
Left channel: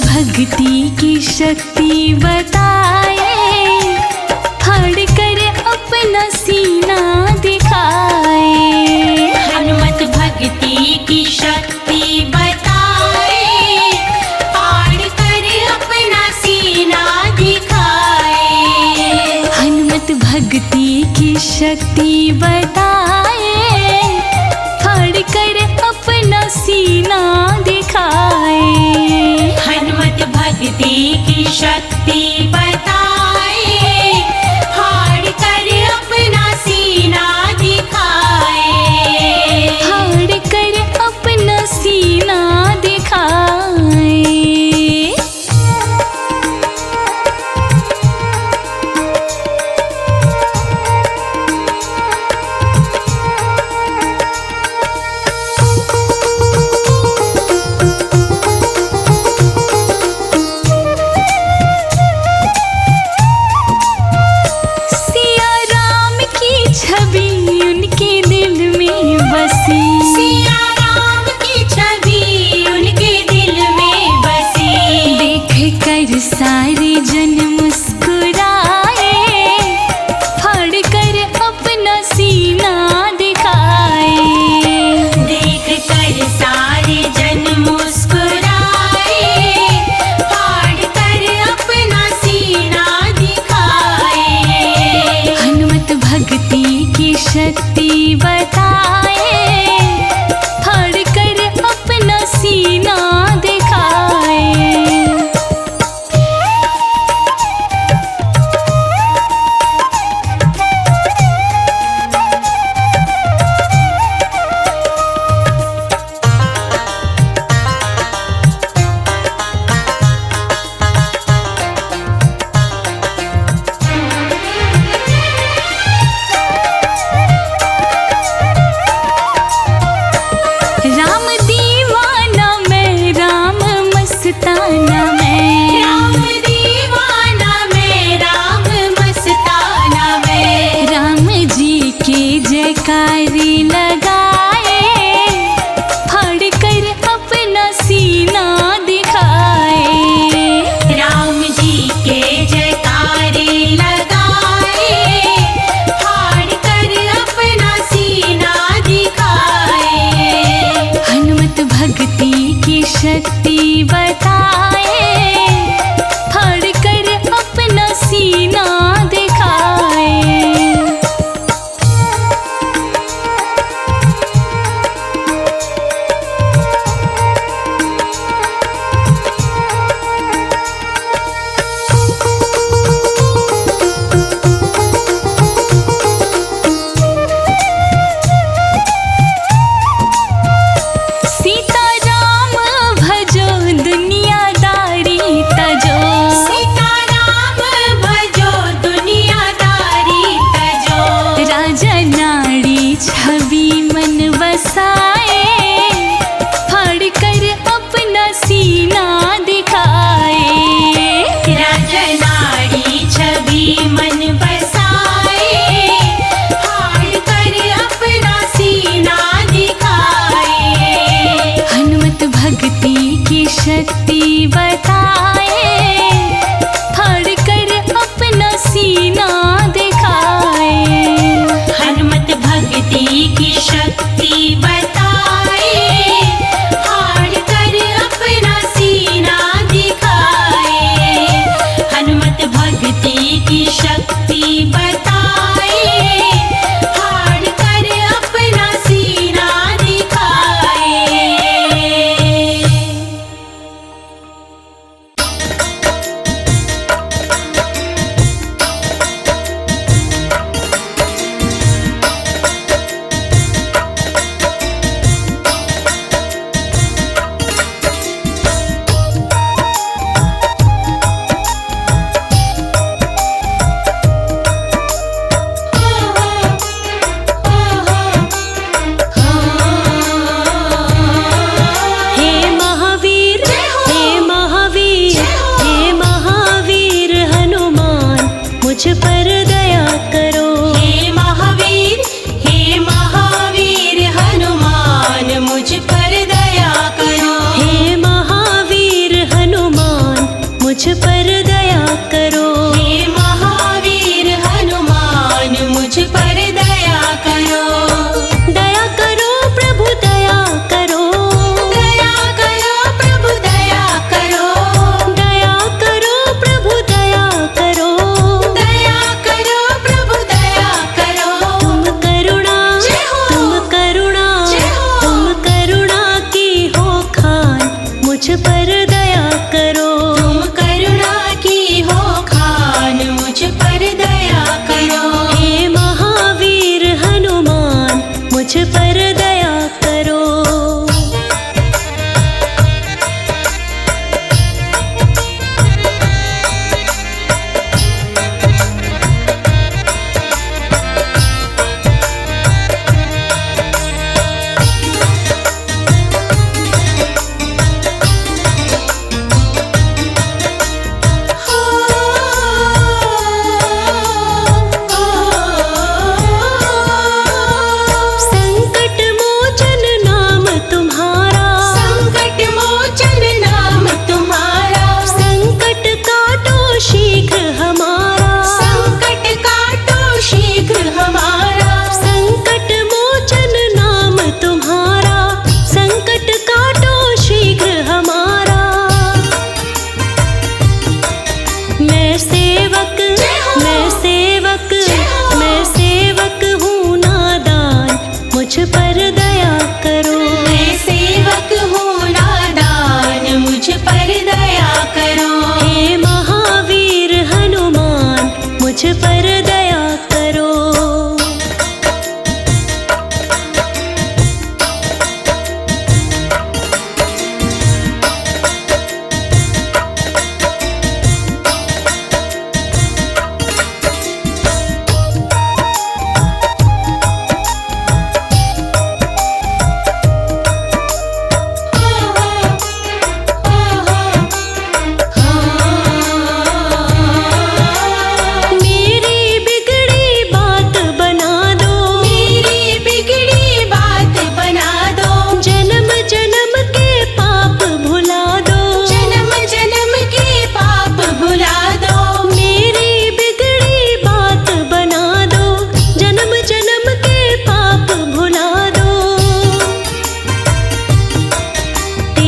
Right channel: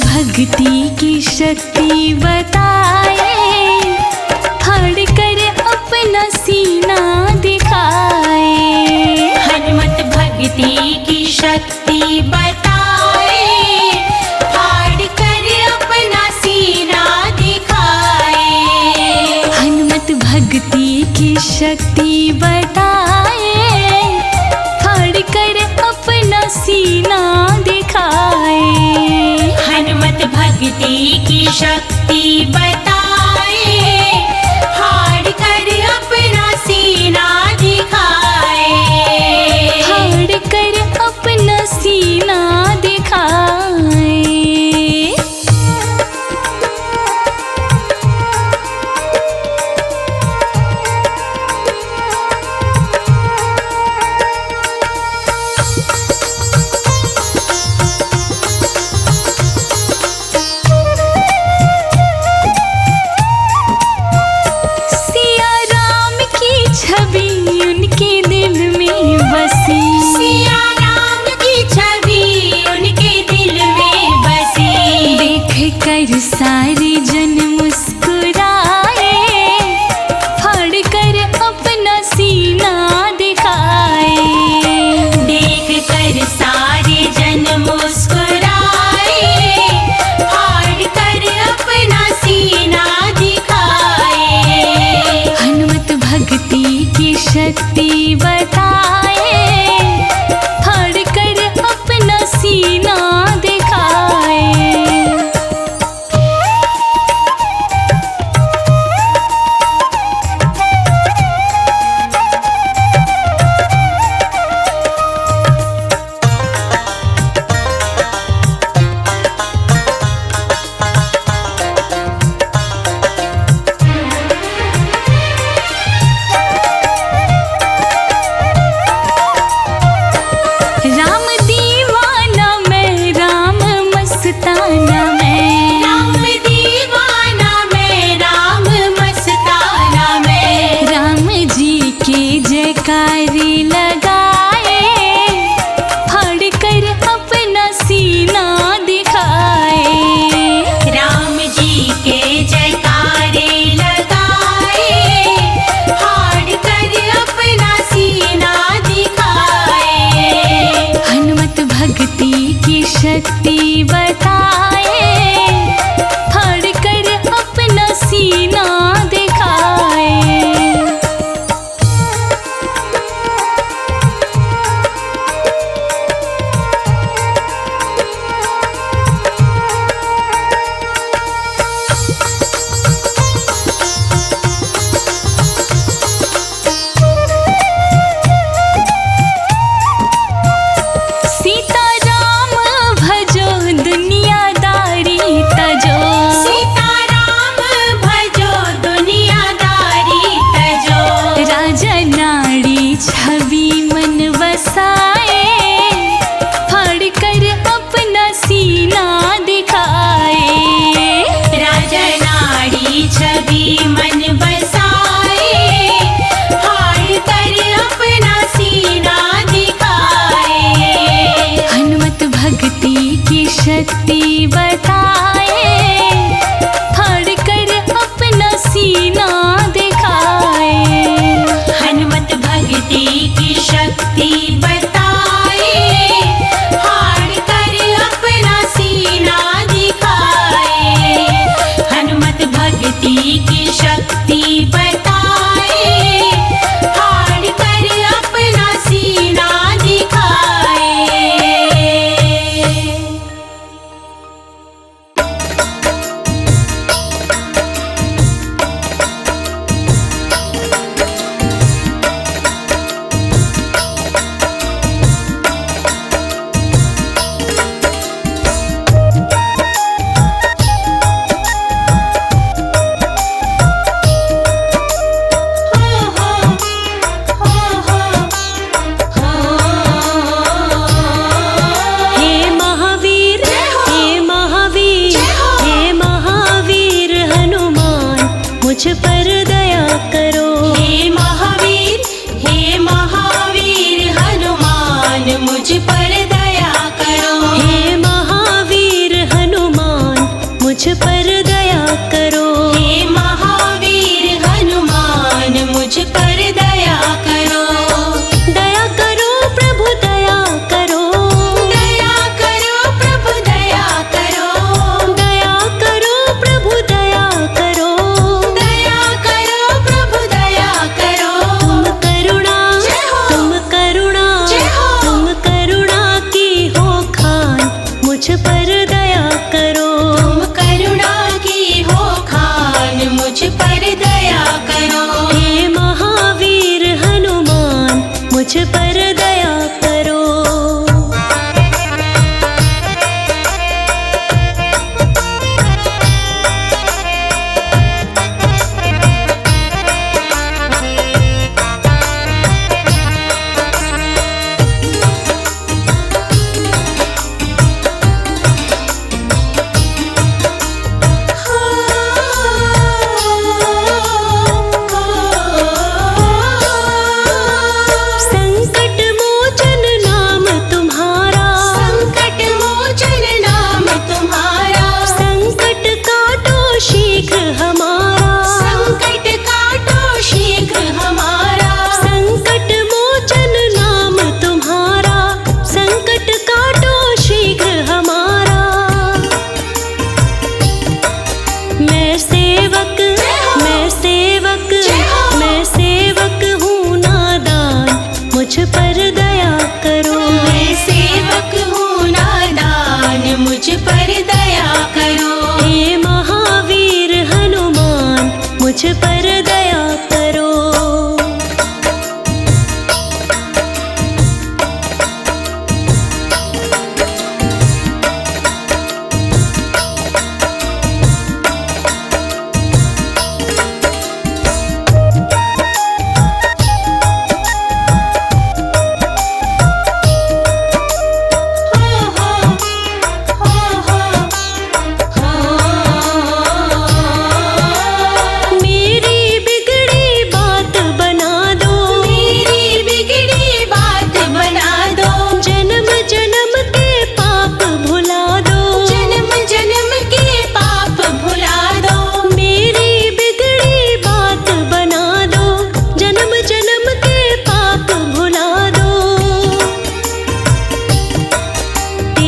भक्ति की शक्ति बताए, फाड़ कर अपना सीना दिखाए। हनुमत भक्ति की शक्ति बताए, फाड़ कर अपना सीना दिखाए। हनुमत भक्ति की शक्ति बताए, फाड़ कर अपना सीना दिखाए। हनुमत भक्ति की शक्ति बताए, फाड़ कर अपना सीना दिखाए। फाड़ कर अपना सीना दिखाए। कर सारे जन मुस्कुराए, फाड़ कर अपना सीना दिखाए। देख कर सारे जन मुस्कुराए, फाड़ कर अपना सीना दिखाए। हनुमत भक्ति की शक्ति बताए, फाड़ कर अपना सीना दिखाए। राम दीवाना मैं, राम मस्ताना मैं, राम दीवाना मैं, राम मस्ताना मैं। राम जी के जयकारी लगाए, फाड़ कर अपना सीना दिखाए। राम जी के जयकारे लगाए, फाड़ कर अपना सीना दिखाए। हनुमत भक्ति की शक्ति बताए, फाड़ कर अपना सीना दिखाए। सीता राम भजो दुनियादारी तजो, सीताराम भजो दुनियादारी तजो। राजा नाड़ी छवि मन बसाए, फाड़ कर अपना सीना दिखाए। राजनाड़ी छवि मन बसाए, फाड़ कर अपना सीना दिखाए। हनुमत भक्ति की शक्ति बताए, फाड़ कर अपना सीना दिखाए। हनुमत भक्ति की शक्ति बताए, फाड़ कर अपना सीना दिखाए। हनुमत भक्ति की शक्ति बताए, फाड़ कर अपना सीना दिखाए। हे महावीर, हे महावीर, हे महावीर हनुमान, मुझ पर दया करो। हे महावीर, हे महावीर हनुमान, मुझ पर दया करो। हे महावीर हनुमान, मुझ पर दया करो। हे महावीर हनुमान, मुझ पर दया करो। दया करो प्रभु दया करो। दया करो प्रभु दया करो। दया करो प्रभु दया करो। दया करो प्रभु दया करो। तुम करुणा, तुम करुणा, तुम करुणा की हो खान, मुझ पर दया करो। तुम करुणा की हो खान, मुझ पर दया करो। हे महावीर हनुमान, मुझ पर दया करो।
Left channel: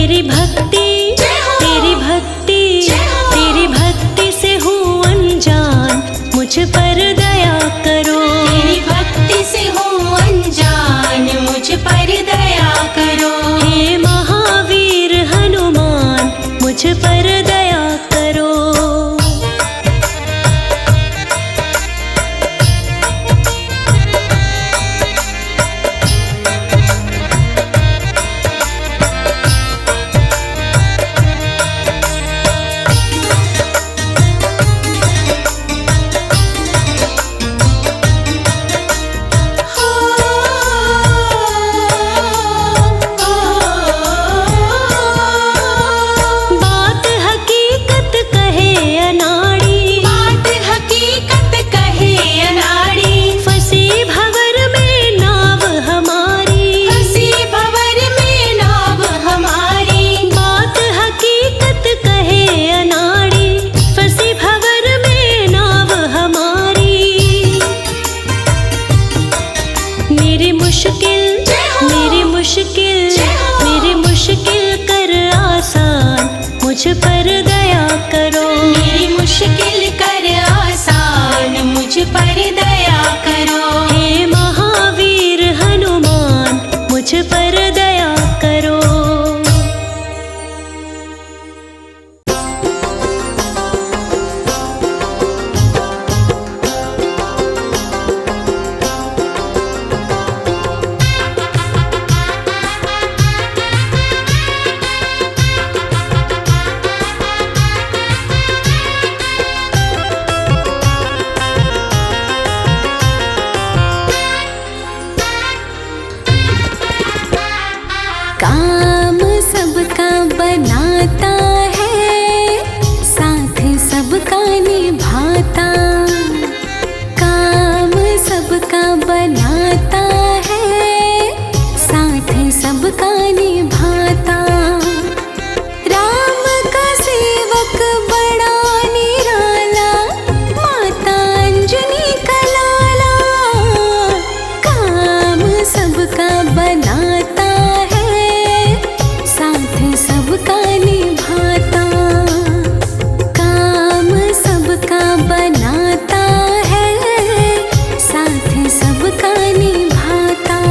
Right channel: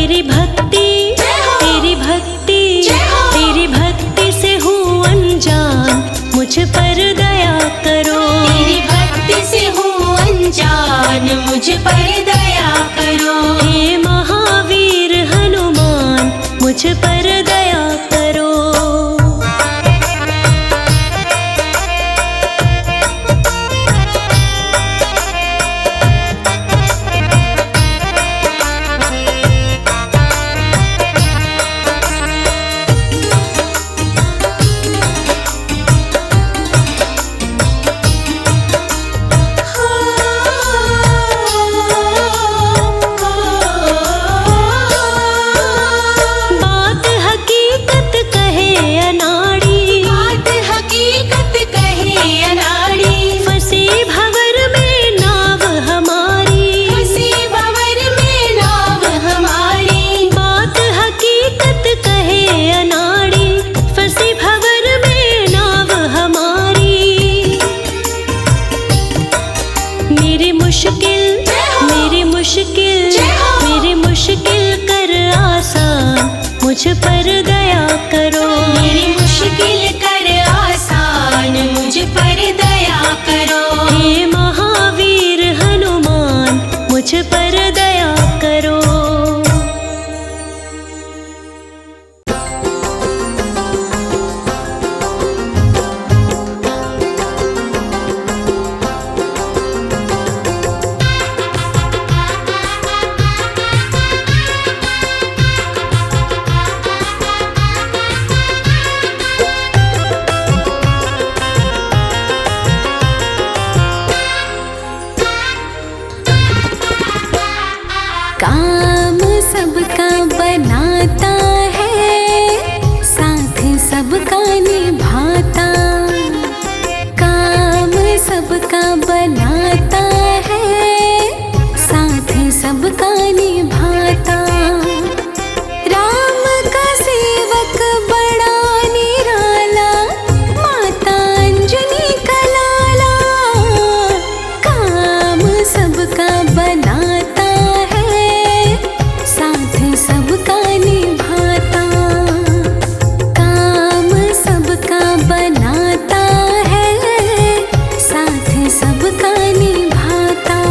तेरी भक्ति तेरी भक्ति तेरी भक्ति से हूँ अनजान, मुझ पर दया करो। तेरी भक्ति से हूँ अनजान, मुझ पर दया करो। हे महावीर हनुमान, मुझ पर दया करो। बात हकीकत कहे अनाड़ी, बात हकीकत कहे अनाड़ी। फंसी भंवर में नाव हमारी, फंसी भंवर में नाव हमारी। बात हकीकत कहे अनाड़ी, फंसी भंवर में नाव हमारी। मेरी मुश्किल मेरी मुश्किल कर आसान, मुझ पर दया करो। मेरी मुश्किल कर आसान, मुझ पर दया करो। हे महावीर हनुमान, मुझ पर दया करो। काम सबका बनाता है, साथ सबका निभाता। काम सबका बनाता है, साथ सबका निभाता। राम का सेवक बड़ा निराला, माता अंजनी का लाला। काम सबका बनाता है, साथ सबका निभाता। काम सबका बनाता है, साथ सबका निभाता।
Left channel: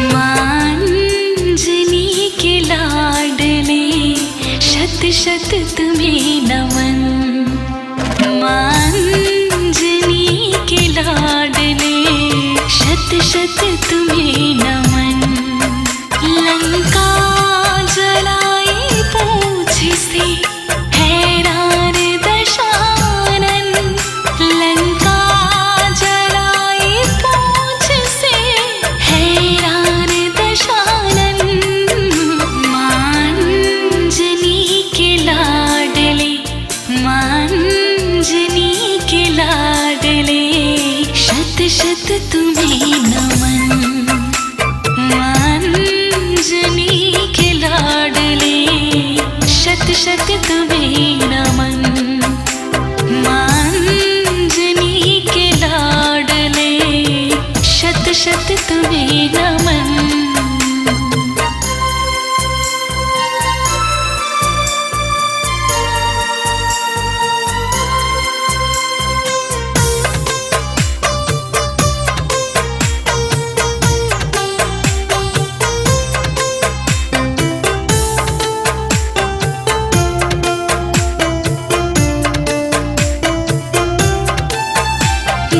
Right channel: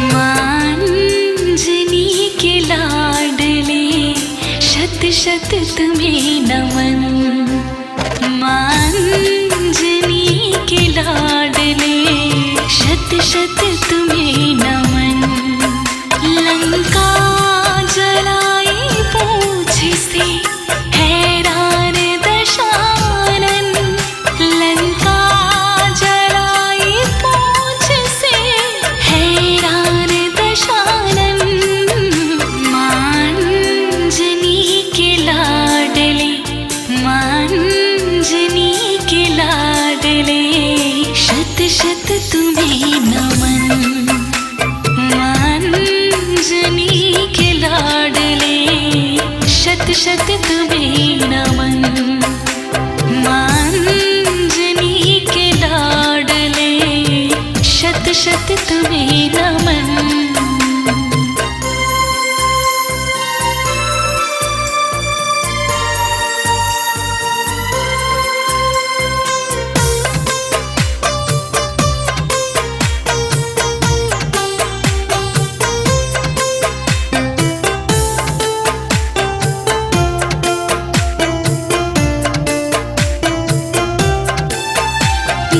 मांजनी के लाडले शत शत तुम्हें नमन। मांजनी के लाडले शत शत तुम्हें नमन। लंका जलाई पूछ से हैरान दशानन। लंका जलाई पूछ से हैरान दशानन। मांजनी के लाडले मांजनी के लाडले शत शत तुम्हें नमन। मांजनी के लाडले शत शत तुम्हें नमन। मांजनी के लाडले शत शत तुम्हें नमन।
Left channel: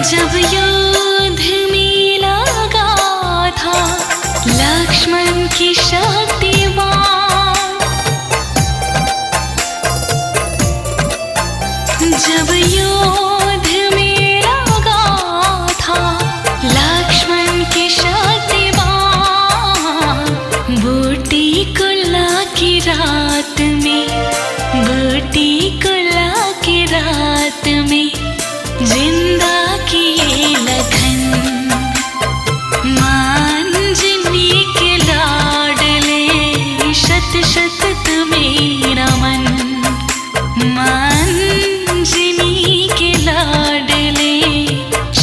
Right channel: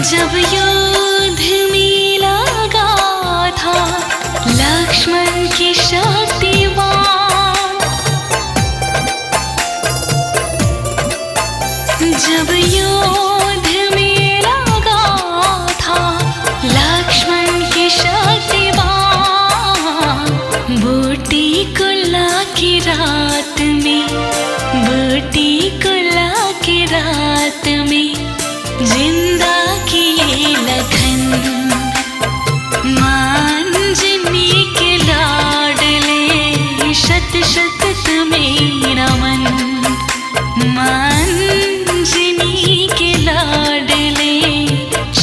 जब युद्ध में लगा था लक्ष्मण की शक्तिवान। जब युद्ध में लगा था लक्ष्मण की शक्तिवान। बूटी कुल्ला की रात में बूटी कुल्ला की रात में जिंदा किए लखन। मांजनी के लाडले शत शत तुम्हें नमन। मांजनी के लाडले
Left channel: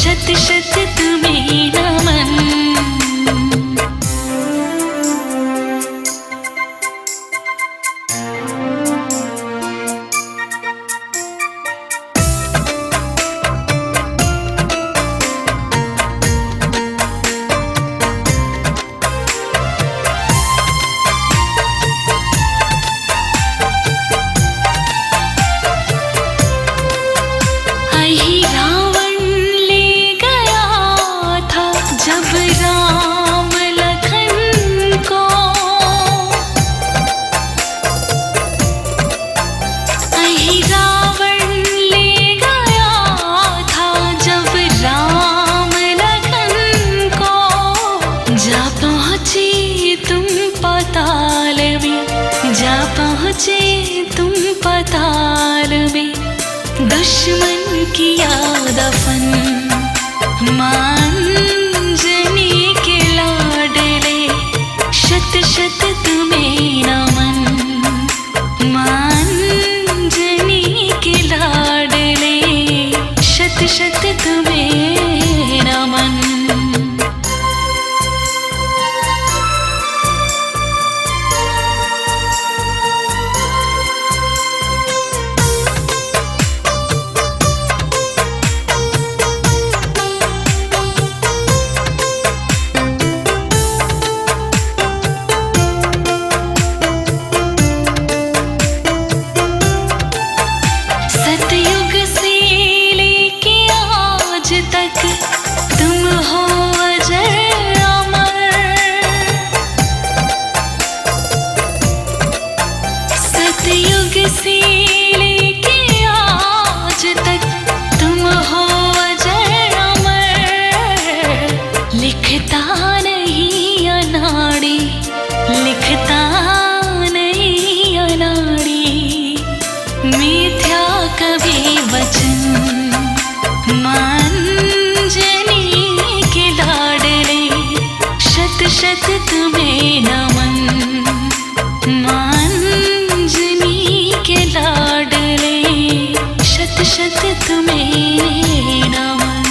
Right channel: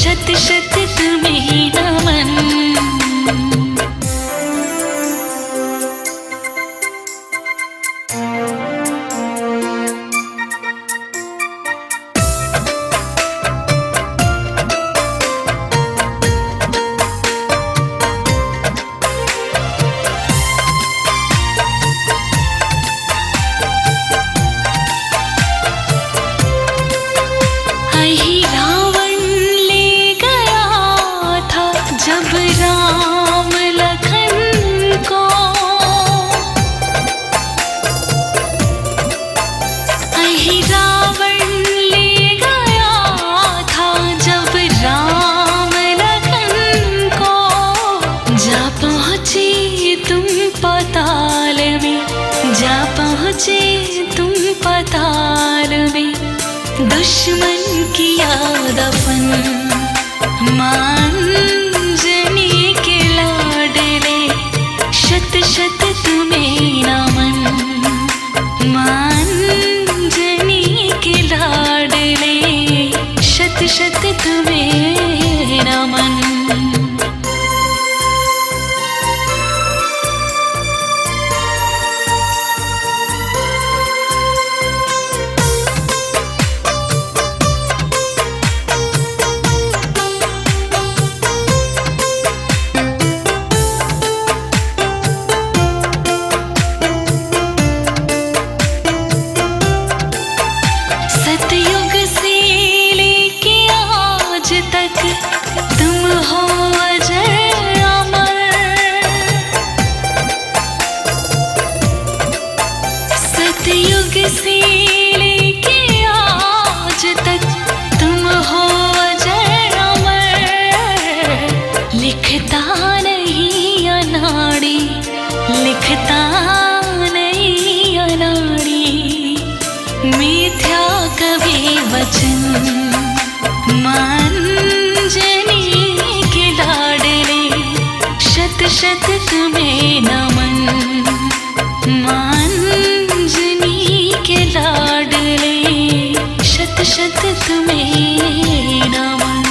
शत शत तुम्हें नमन। रावण ले गया था जब राम लखन को। रावण ले गया था जब राम लखन को। जा पहुँचे तुम पाताल में जा पहुँचे तुम पाताल में दुश्मन किया दफन। मांजनी के लाडले शत शत तुम्हें नमन। मांजनी के लाडले शत शत तुम्हें नमन। सतयुग से लेके आज तक तुम हो अजर अमर। सतयुग से लेके आज तक तुम हो अजर अमर। लिखता नहीं अनाड़ी लिखता नहीं अनाड़ी मिथ्या कभी वचन। मांजनी के लाडले शत शत तुम्हें नमन। मांजनी के लाडले शत शत तुम्हें नमन।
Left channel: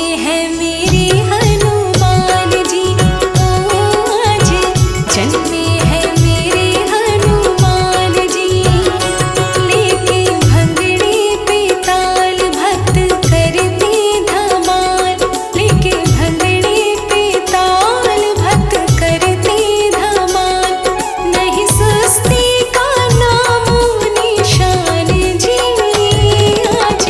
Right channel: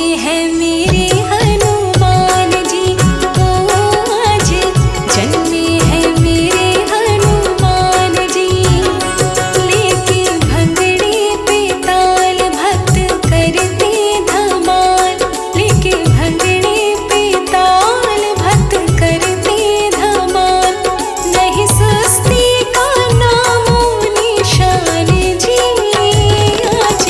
जन्मे हैं मेरे हनुमान जी, ओ आज जन्मे हैं मेरे हनुमान जी। लेके भंगड़े पे ताल भक्त करते धमाल, लेके भंगड़े पे ताल भक्त करते धमाल। नहीं सुस्ती का नामो निशान जी, आज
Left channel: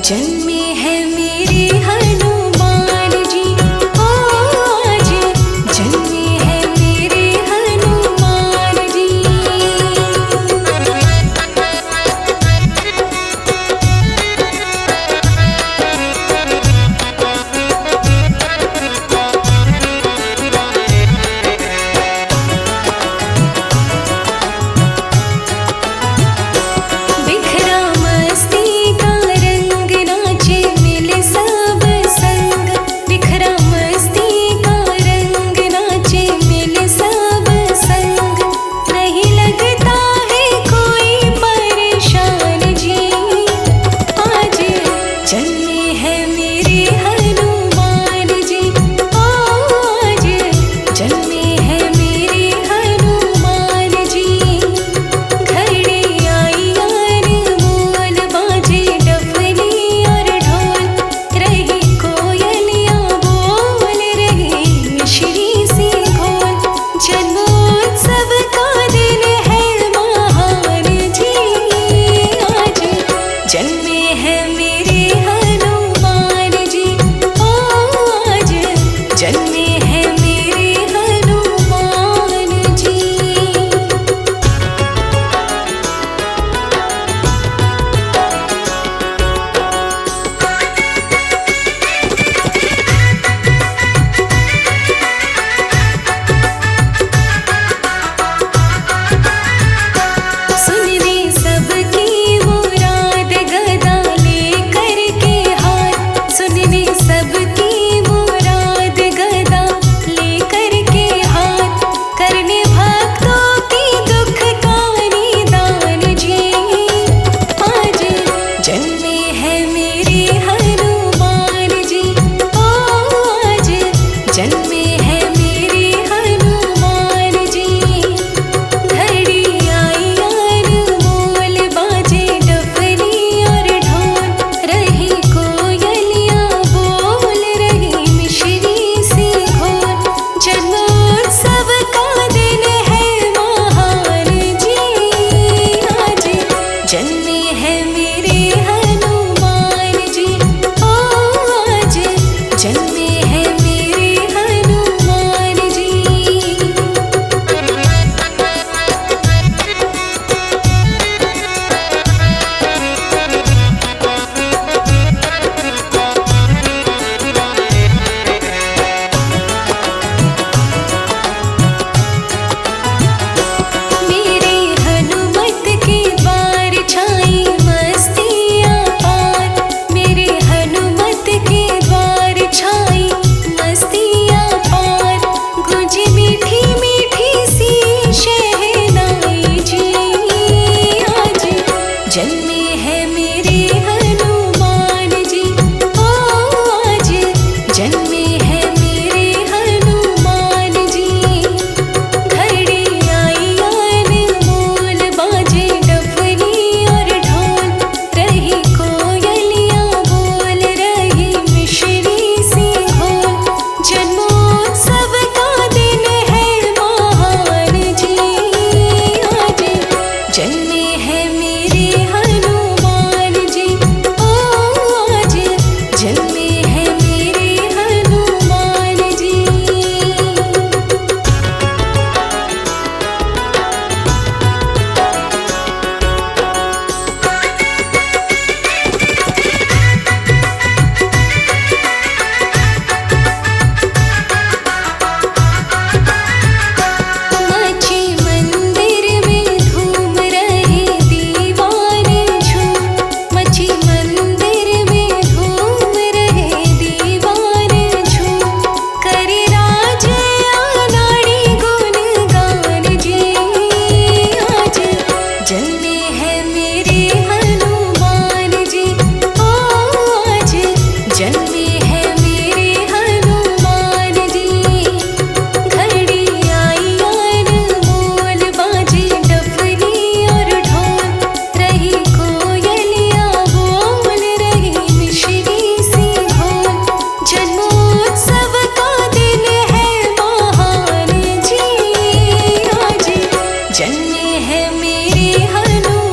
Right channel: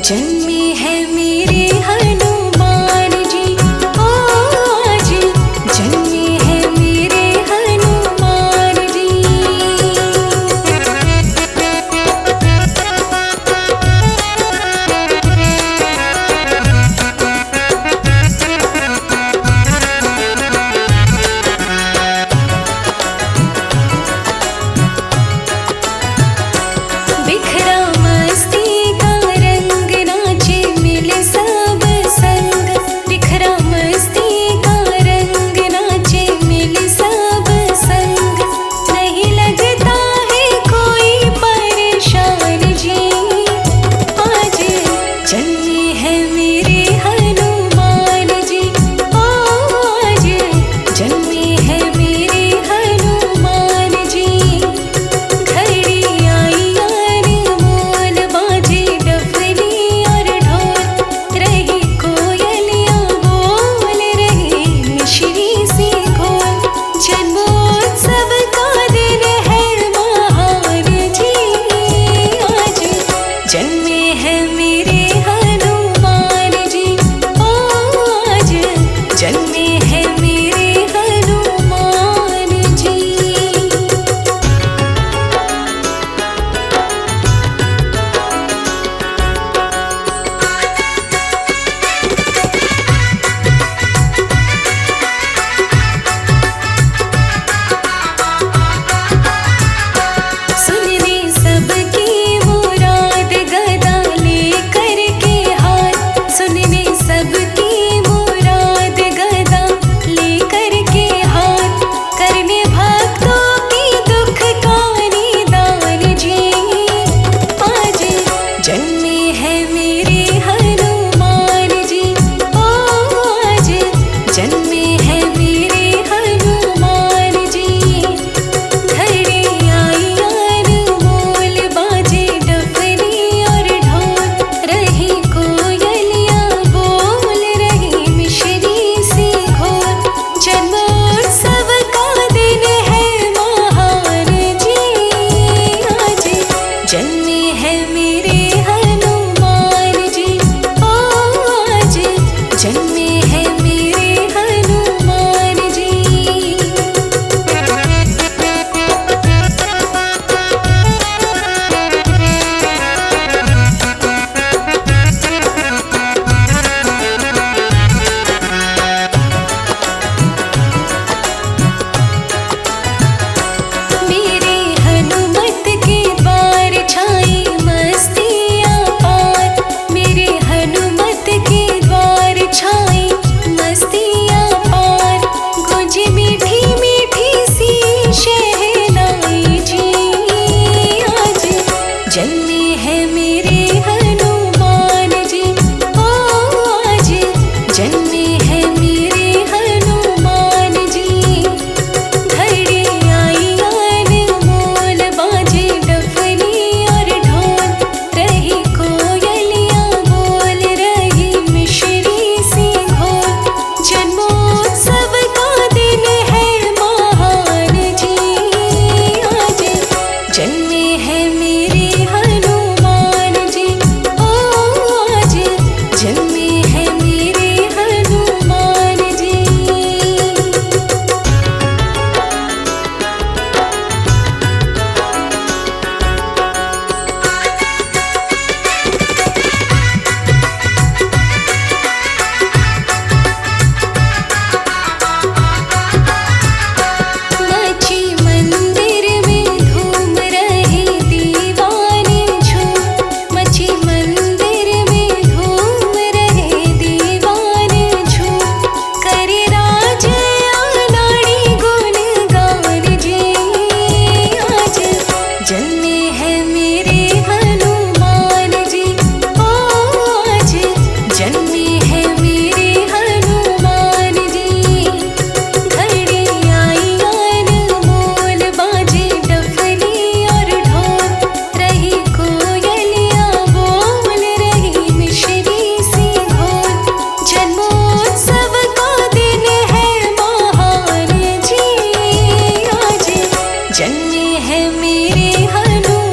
जन्मे हैं मेरे हनुमान जी, ओ आज जन्मे हैं मेरे हनुमान जी। बिखरा मस्ती का रंग नाचे मिले सब संग, बिखरा मस्ती का रंग नाचे मिले सब संग। नहीं लगता है कोई परेशान जी, आज जन्मे हैं मेरे हनुमान जी, ओ आज जन्मे हैं मेरे हनुमान जी। घड़ी आई अनमोल बाजे डफली और ढोल, रही कोयलियाँ बोल रही मिश्री सी घोल। जन्मोत्सव का दिन है महान जी, आज जन्मे हैं मेरे हनुमान जी, ओ आज जन्मे हैं मेरे हनुमान जी। सुनने सबकी मुराद गदा लेकर के हाथ, सुनने सबकी मुराद गदा लेकर के हाथ। करने भक्तों की दुख का निदान जी, आज जन्मे हैं मेरे हनुमान जी, ओ आज जन्मे हैं मेरे हनुमान जी। घड़ी आई अनमोल बाजे डफली और ढोल, रही कोयलियाँ बोल रही मिश्री सी घोल। जन्मोत्सव का दिन है महान जी, आज जन्मे हैं मेरे हनुमान जी, ओ आज जन्मे हैं मेरे हनुमान जी। मेरे हनुमत के द्वार छाई मस्तियाँ पार, मेरे हनुमत के द्वार छाई मस्तियाँ पार। गूंजी मीठी मीठी सी शहनाई जी, आज जन्मे हैं मेरे हनुमान जी, ओ आज जन्मे हैं मेरे हनुमान जी। घड़ी आई अनमोल बाजे डफली और ढोल, रही कोयलियाँ बोल रही मिश्री सी घोल। जन्मोत्सव का दिन है महान जी, आज जन्मे हैं मेरे हनुमान जी, ओ आज जन्मे हैं मेरे हनुमान जी। मची मंदिर में धूम रहे दीवान झूम, मची मंदिर में धूम रहे दीवान झूम। करे राज नाड़ी गुणगान जी, आज जन्मे हैं मेरे हनुमान जी, ओ आज जन्मे हैं मेरे हैं मेरे हनुमान।